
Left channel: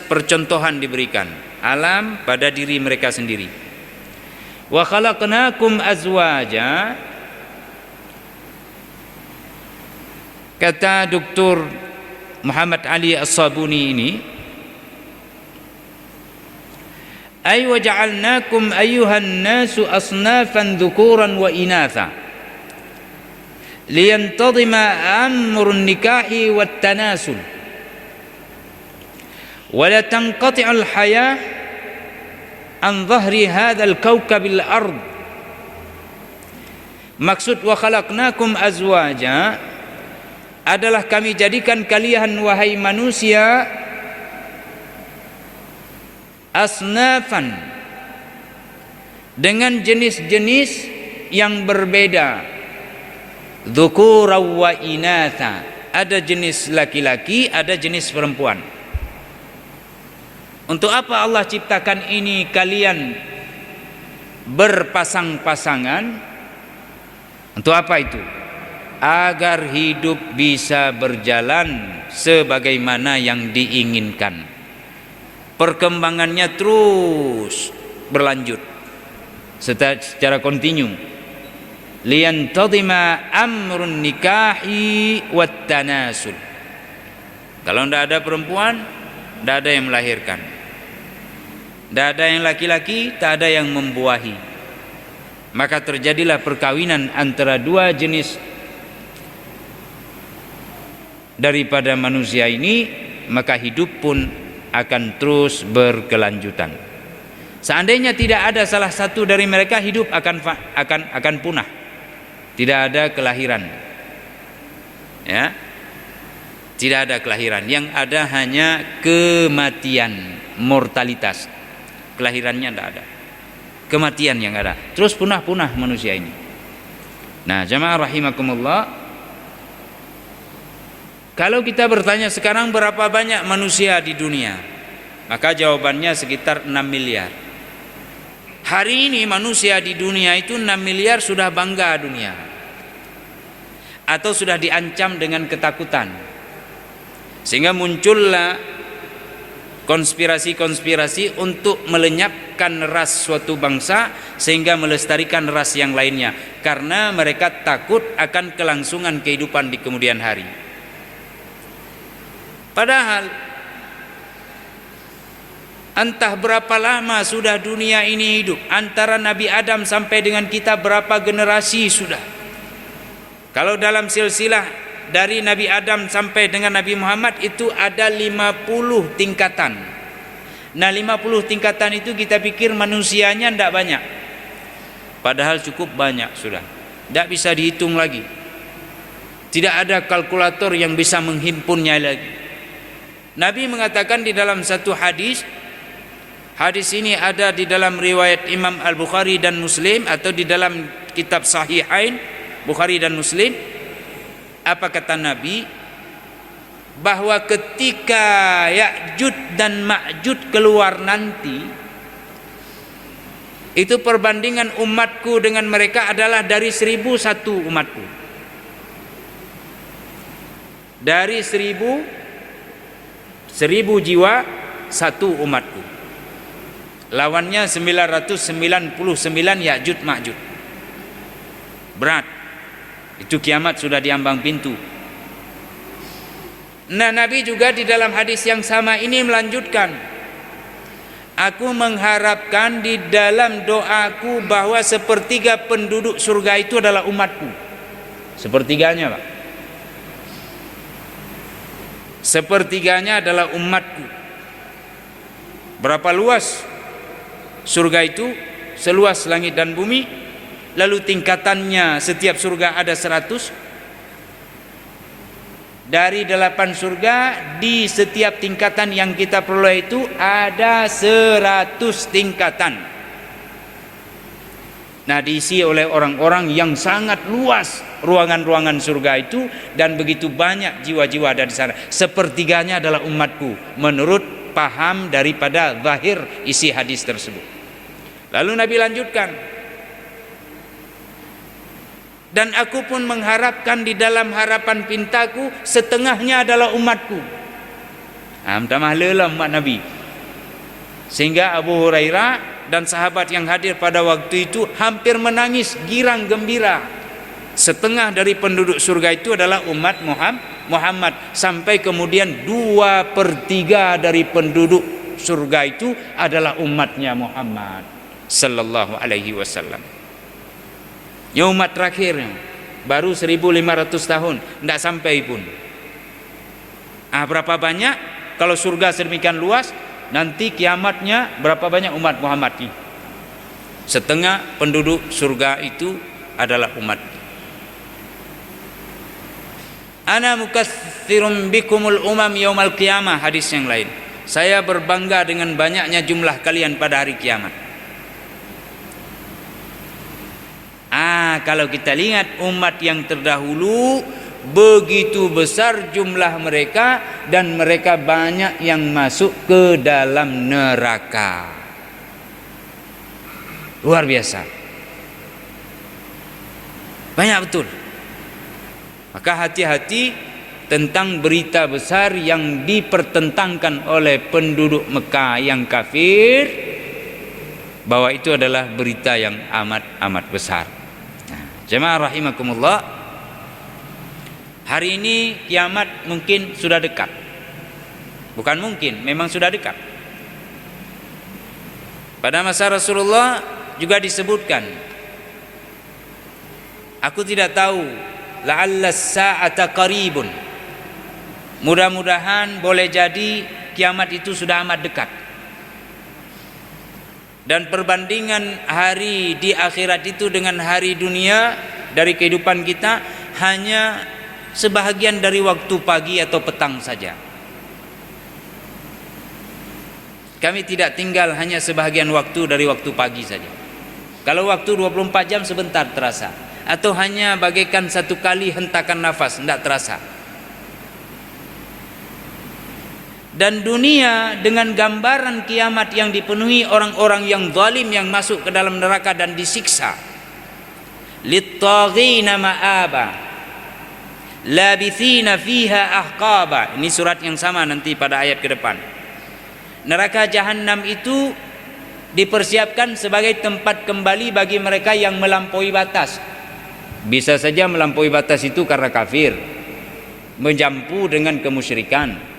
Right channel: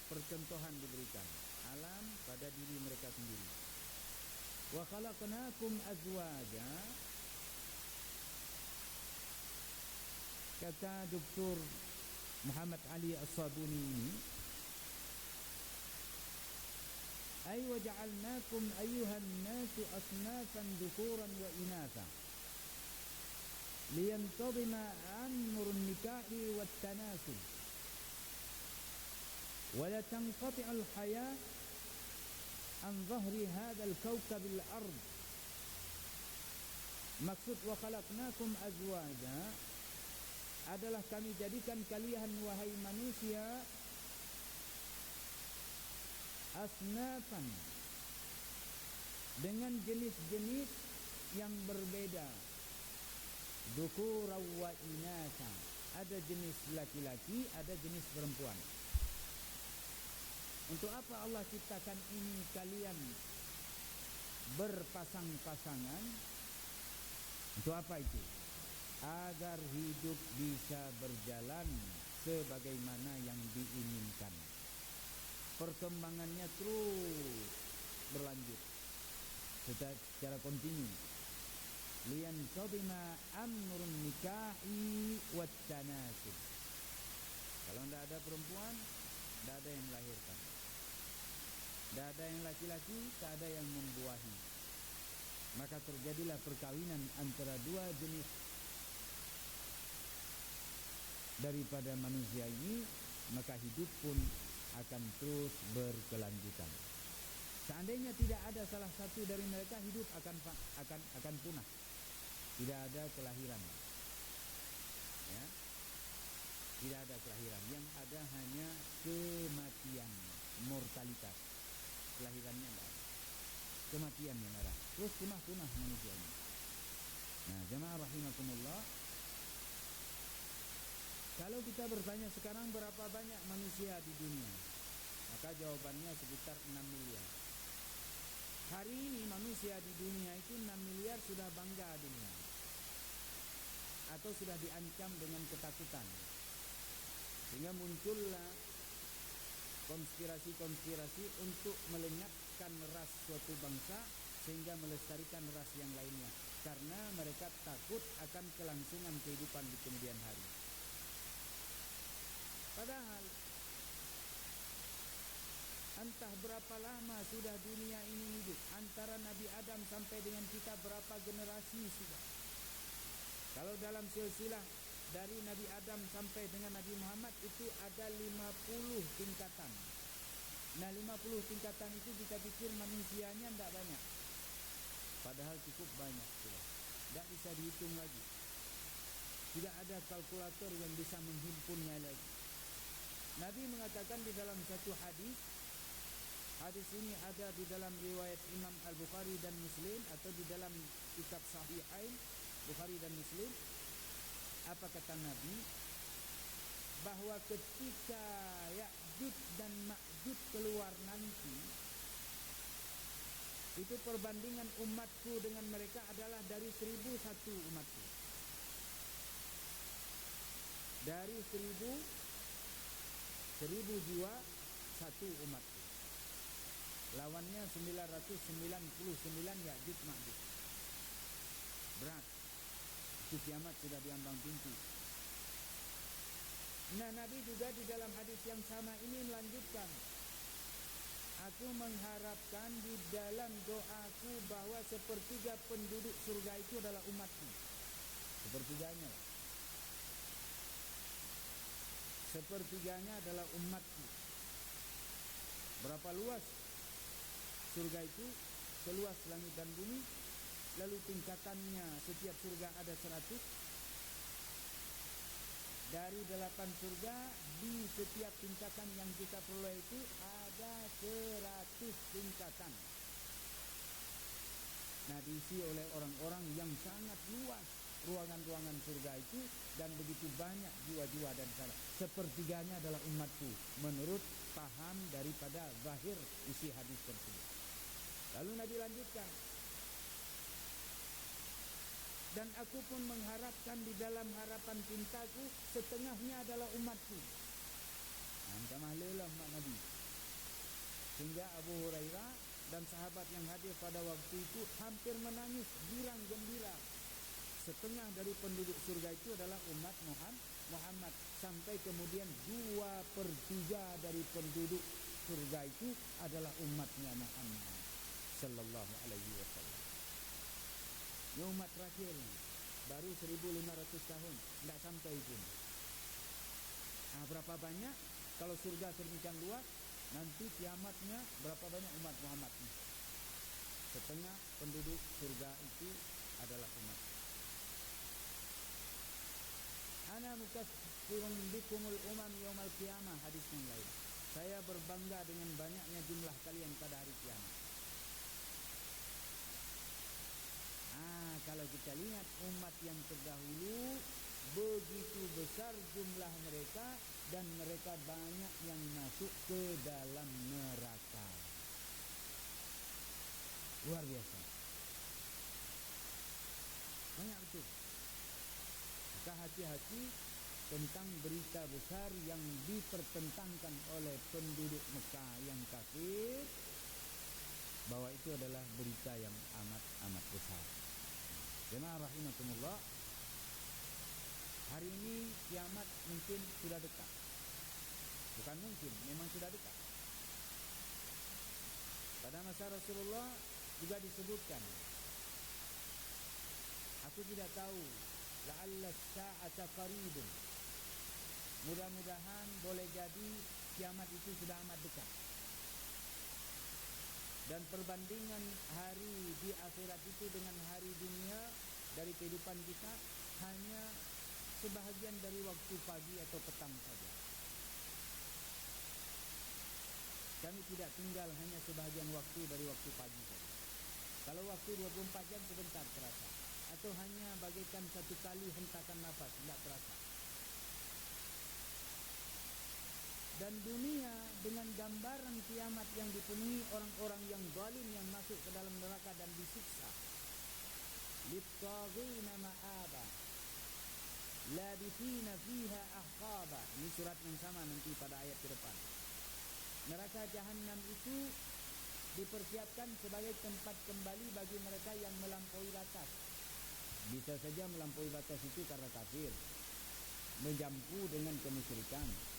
percontohan diberikan alam pada diri mereka sendiri. Wa khalaqnakum azwaja, kata Dr. Muhammad Ali As-Sabuni ini, ay waja'alnakum ayyuhan nasu asnafan dhukuran wa inatha liyantadhima amrun nikahi wat tanasul wa la tanqati'u al hayah an dhahri hadzal kawkabil ard. Maksud wa khalaqnakum azwaja adalah kami jadikan kalian wahai manusia asnafan, dengan jenis-jenis yang berbeda, dzukura wa inatha, ada jenis laki-laki, ada jenis perempuan. Untuk apa Allah ciptakan ini kalian berpasang-pasangan? Untuk apa itu? Agar hidup bisa berjalan sebagaimana yang diinginkan. Perkembangannya terus berlanjut secara kontinu. Liyantadhima amrun nikahi wat tanasul. Kalau tidak ada perempuan, tidak ada yang melahirkan. Tidak ada yang laki-laki, tak ada yang membuahi. Maka terjadilah perkawinan antara dua jenis daripada manusia ini, maka hidup pun akan terus berkelanjutan. Seandainya tidak ada salah satu dari mereka, hidup akan punah. Tidak ada kelahiran. Ya. Tidak ada kelahiran, yang ada hanya kematian, mortalitas. Kelahirannya tidak ada. Kematian yang ada. Terus punah-punah manusia ini. Nah, jamaah rahimakumullah, kalau kita bertanya sekarang berapa banyak manusia di dunia, maka jawabannya sekitar 6 miliar. Hari ini manusia di dunia itu 6 miliar sudah bangga dunia, atau sudah diancam dengan ketakutan, sehingga muncullah konspirasi-konspirasi untuk melenyapkan ras suatu bangsa sehingga melestarikan ras yang lainnya, karena mereka takut akan kelangsungan kehidupan di kemudian hari. Padahal entah berapa lama sudah dunia ini hidup, antara Nabi Adam sampai dengan kita berapa generasi sudah. Kalau dalam silsilah dari Nabi Adam sampai dengan Nabi Muhammad itu ada 50 tingkatan. Nah, 50 tingkatan itu kita pikir manusianya tidak banyak, padahal cukup banyak sudah. Tidak bisa dihitung lagi. Tidak ada kalkulator yang bisa menghimpunnya lagi. Nabi mengatakan di dalam satu hadis ini ada di dalam riwayat Imam Al-Bukhari dan Muslim, atau di dalam kitab Sahihain Bukhari dan Muslim. Apa kata Nabi? Bahwa ketika Ya'juj dan Ma'juj keluar nanti, itu perbandingan umatku dengan mereka adalah dari 1001 umatku. Dari 1000 jiwa satu umatku. Lawannya 999 Ya'juj Ma'juj. Berat. Itu kiamat sudah diambang pintu. Nah, Nabi juga di dalam hadis yang sama ini melanjutkan, aku mengharapkan di dalam doaku bahwa sepertiga penduduk surga itu adalah umatku. Sepertiganya, Pak. sepertiganya adalah umatku. Berapa luas surga itu? Seluas langit dan bumi. Lalu tingkatannya setiap surga ada 100. Dari 8 surga, di setiap tingkatan yang kita peroleh itu ada 100 tingkatan. Nah, diisi oleh orang-orang yang sangat luas ruangan-ruangan surga itu, dan begitu banyak jiwa-jiwa ada di sana. Sepertiganya adalah umatku, menurut paham daripada zahir isi hadis tersebut. Lalu Nabi lanjutkan, dan aku pun mengharapkan di dalam harapan pintaku setengahnya adalah umatku. Tamah lelah umat Nabi. Sehingga Abu Hurairah dan sahabat yang hadir pada waktu itu hampir menangis girang gembira. Setengah dari penduduk surga itu adalah umat Muhammad. Sampai kemudian 2/3 dari penduduk surga itu adalah umatnya Muhammad sallallahu alaihi wasallam. Ya, umat terakhir baru 1500 tahun, tidak sampai pun. Berapa banyak kalau surga sedemikian luas, nanti kiamatnya berapa banyak umat Muhammad ini? Setengah penduduk surga itu adalah umat. Ana mukatsirum bikumul umam yaumal qiyamah, hadis yang lain. Saya berbangga dengan banyaknya jumlah kalian pada hari kiamat. Kalau kita lihat umat yang terdahulu, begitu besar jumlah mereka dan mereka banyak yang masuk ke dalam neraka. Luar biasa. Banyak betul. Maka hati-hati tentang berita besar yang dipertentangkan oleh penduduk Mekah yang kafir, bahwa itu adalah berita yang amat besar. Jemaah rahimakumullah, hari ini kiamat mungkin sudah dekat. Bukan mungkin, memang sudah dekat. Pada masa Rasulullah juga disebutkan, aku tidak tahu, la'alla sa'ata qaribun. Mudah-mudahan boleh jadi kiamat itu sudah amat dekat. Dan perbandingan hari di akhirat itu dengan hari dunia dari kehidupan kita hanya sebahagian dari waktu pagi atau petang saja. Kami tidak tinggal hanya sebahagian waktu dari waktu pagi saja. Kalau waktu 24 jam sebentar terasa, atau hanya bagaikan satu kali hentakan nafas, tidak terasa. Dan dunia dengan gambaran kiamat yang dipenuhi orang-orang yang zalim yang masuk ke dalam neraka dan disiksa. Littaghina ma'aba labithina fiha ahqaba. Ini surat yang sama nanti pada ayat ke depan. Neraka jahanam itu dipersiapkan sebagai tempat kembali bagi mereka yang melampaui batas. Bisa saja melampaui batas itu karena kafir, menjampu dengan kemusyrikan.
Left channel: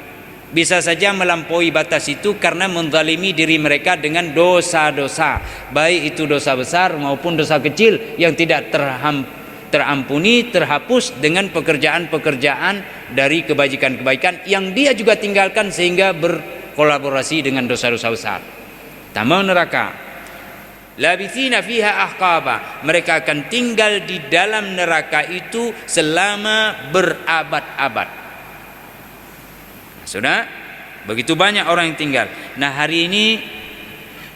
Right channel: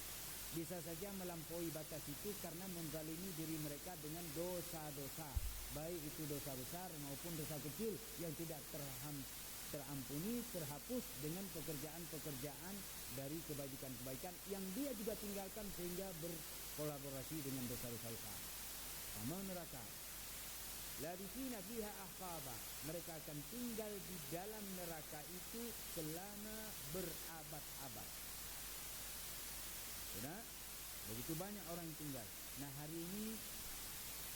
Bisa saja melampaui batas itu karena menzalimi diri mereka dengan dosa-dosa, baik itu dosa besar maupun dosa kecil yang tidak terampuni, terhapus dengan pekerjaan-pekerjaan dari kebajikan-kebaikan yang dia juga tinggalkan sehingga berkolaborasi dengan dosa-dosa besar. Tambah neraka. Labithina fiha ahqaba. Mereka akan tinggal di dalam neraka itu selama berabad-abad. Sudah begitu banyak orang yang tinggal. Nah, hari ini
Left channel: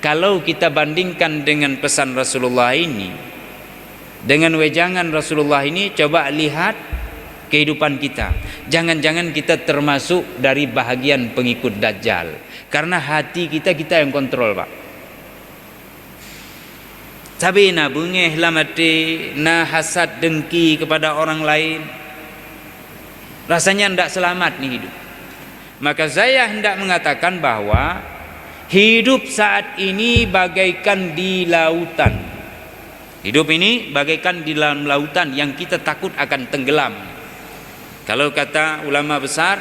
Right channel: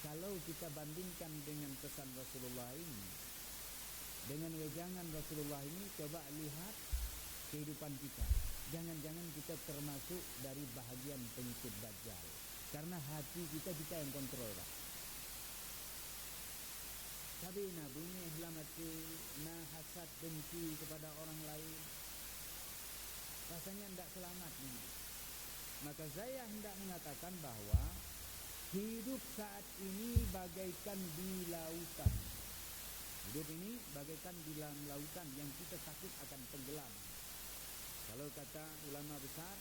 kalau kita bandingkan dengan pesan Rasulullah ini, dengan wejangan Rasulullah ini, coba lihat kehidupan kita. Jangan-jangan kita termasuk dari bahagian pengikut Dajjal. Karena hati kita yang kontrol, Pak. Sabi na bungeh lamati na hasad dengki kepada orang lain. Rasanya tidak selamat nih hidup. Maka saya hendak mengatakan bahwa hidup saat ini bagaikan di lautan. Hidup ini bagaikan di dalam lautan yang kita takut akan tenggelam. Kalau kata ulama besar,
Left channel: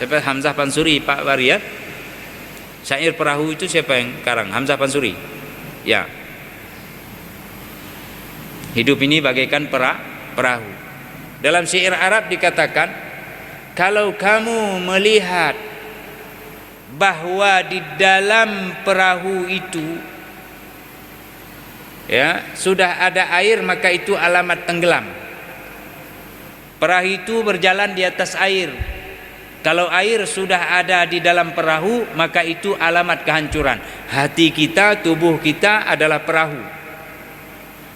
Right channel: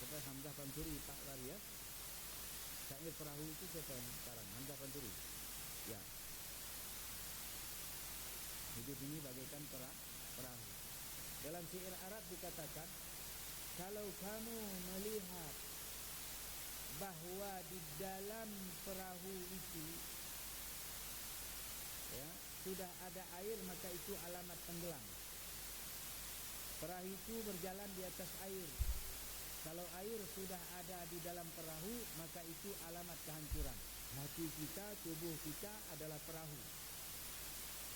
siapa? Hamzah Pansuri, Pak Waria. Syair perahu itu siapa yang karang? Hamzah Pansuri. Ya. Hidup ini bagaikan perahu. Dalam syair Arab dikatakan, kalau kamu melihat bahwa di dalam perahu itu ya sudah ada air, maka itu alamat tenggelam. Perahu itu berjalan di atas air. Kalau air sudah ada di dalam perahu, maka itu alamat kehancuran. Hati kita, tubuh kita adalah perahu.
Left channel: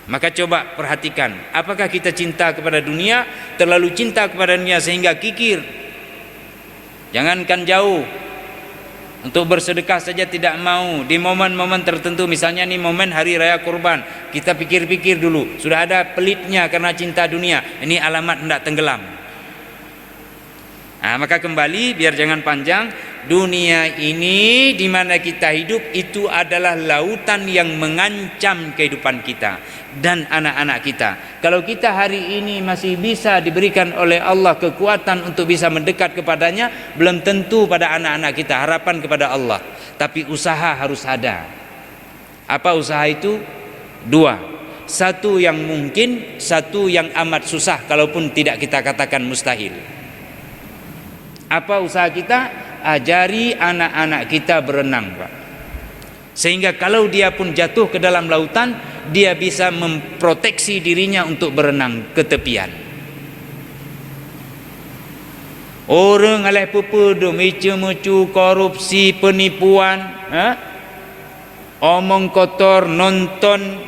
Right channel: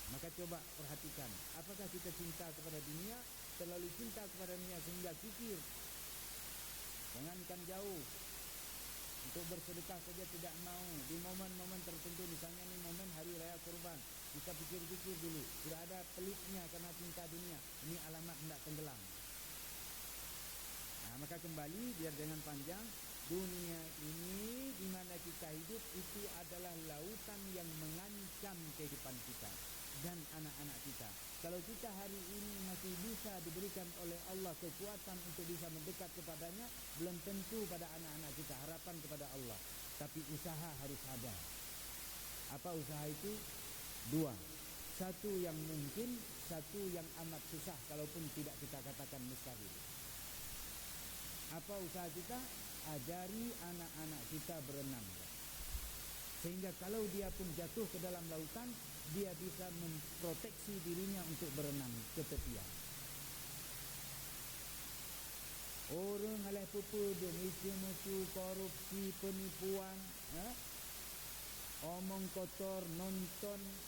Maka coba perhatikan, apakah kita cinta kepada dunia, terlalu cinta kepada dunia sehingga kikir. Jangankan jauh, untuk bersedekah saja tidak mau. Di momen-momen tertentu, misalnya nih momen hari raya kurban, kita pikir-pikir dulu, sudah ada pelitnya karena cinta dunia. Ini alamat hendak tenggelam. Nah, maka kembali, biar jangan panjang, dunia ini di mana kita hidup itu adalah lautan yang mengancam kehidupan kita dan anak-anak kita. Kalau kita hari ini masih bisa diberikan oleh Allah kekuatan untuk bisa mendekat kepadanya, belum tentu pada anak-anak kita. Harapan kepada Allah, tapi usaha harus ada. Apa usaha itu? Dua. Satu yang mungkin, satu yang amat susah, kalaupun tidak kita katakan mustahil. Apa usaha kita? Ajari anak-anak kita berenang, Pak. Sehingga kalau dia pun jatuh ke dalam lautan, dia bisa memproteksi dirinya untuk berenang ke tepian. Orang alih pepedo, mecu-mecu, korupsi, penipuan, omong kotor, nonton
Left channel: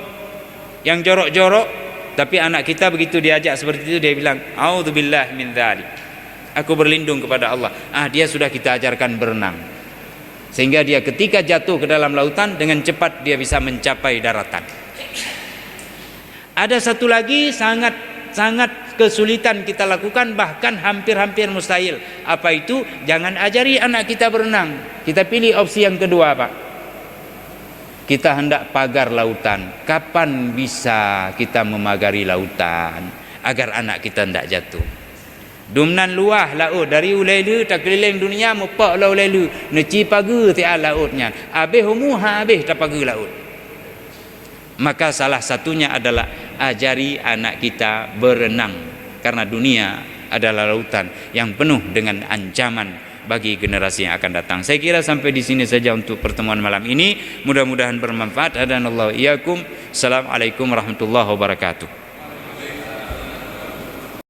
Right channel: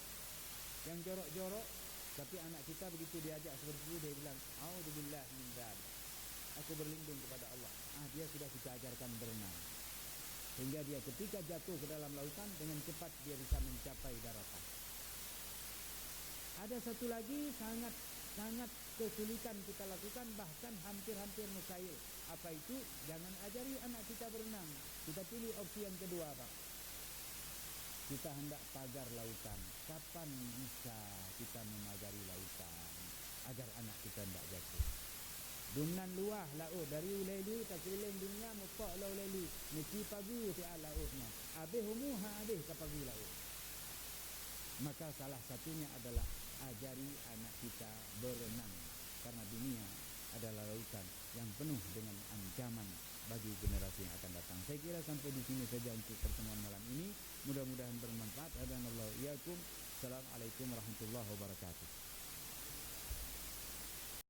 yang jorok-jorok, tapi anak kita begitu diajak seperti itu, dia bilang, "A'udzubillahi min dzalik." Aku berlindung kepada Allah. Dia sudah kita ajarkan berenang. Sehingga dia ketika jatuh ke dalam lautan, dengan cepat dia bisa mencapai daratan. Ada satu lagi sangat kesulitan kita lakukan, bahkan hampir-hampir mustahil. Apa itu? Jangan ajari anak kita berenang. Kita pilih opsi yang kedua, Pak. Kita hendak pagar lautan. Kapan bisa kita memagari lautan agar anak kita hendak jatuh? Dumnan luah laut dari ulailu tak keliling dunia mupak la ulailu neci pagu tiap lautnya habis humuha habis tak pagu laut. Maka salah satunya adalah ajari anak kita berenang, karena dunia adalah lautan yang penuh dengan ancaman bagi generasi yang akan datang. Saya kira sampai di sini saja untuk pertemuan malam ini. Mudah-mudahan bermanfaat. Hadanallahu iyyakum. Assalamualaikum warahmatullahi wabarakatuh.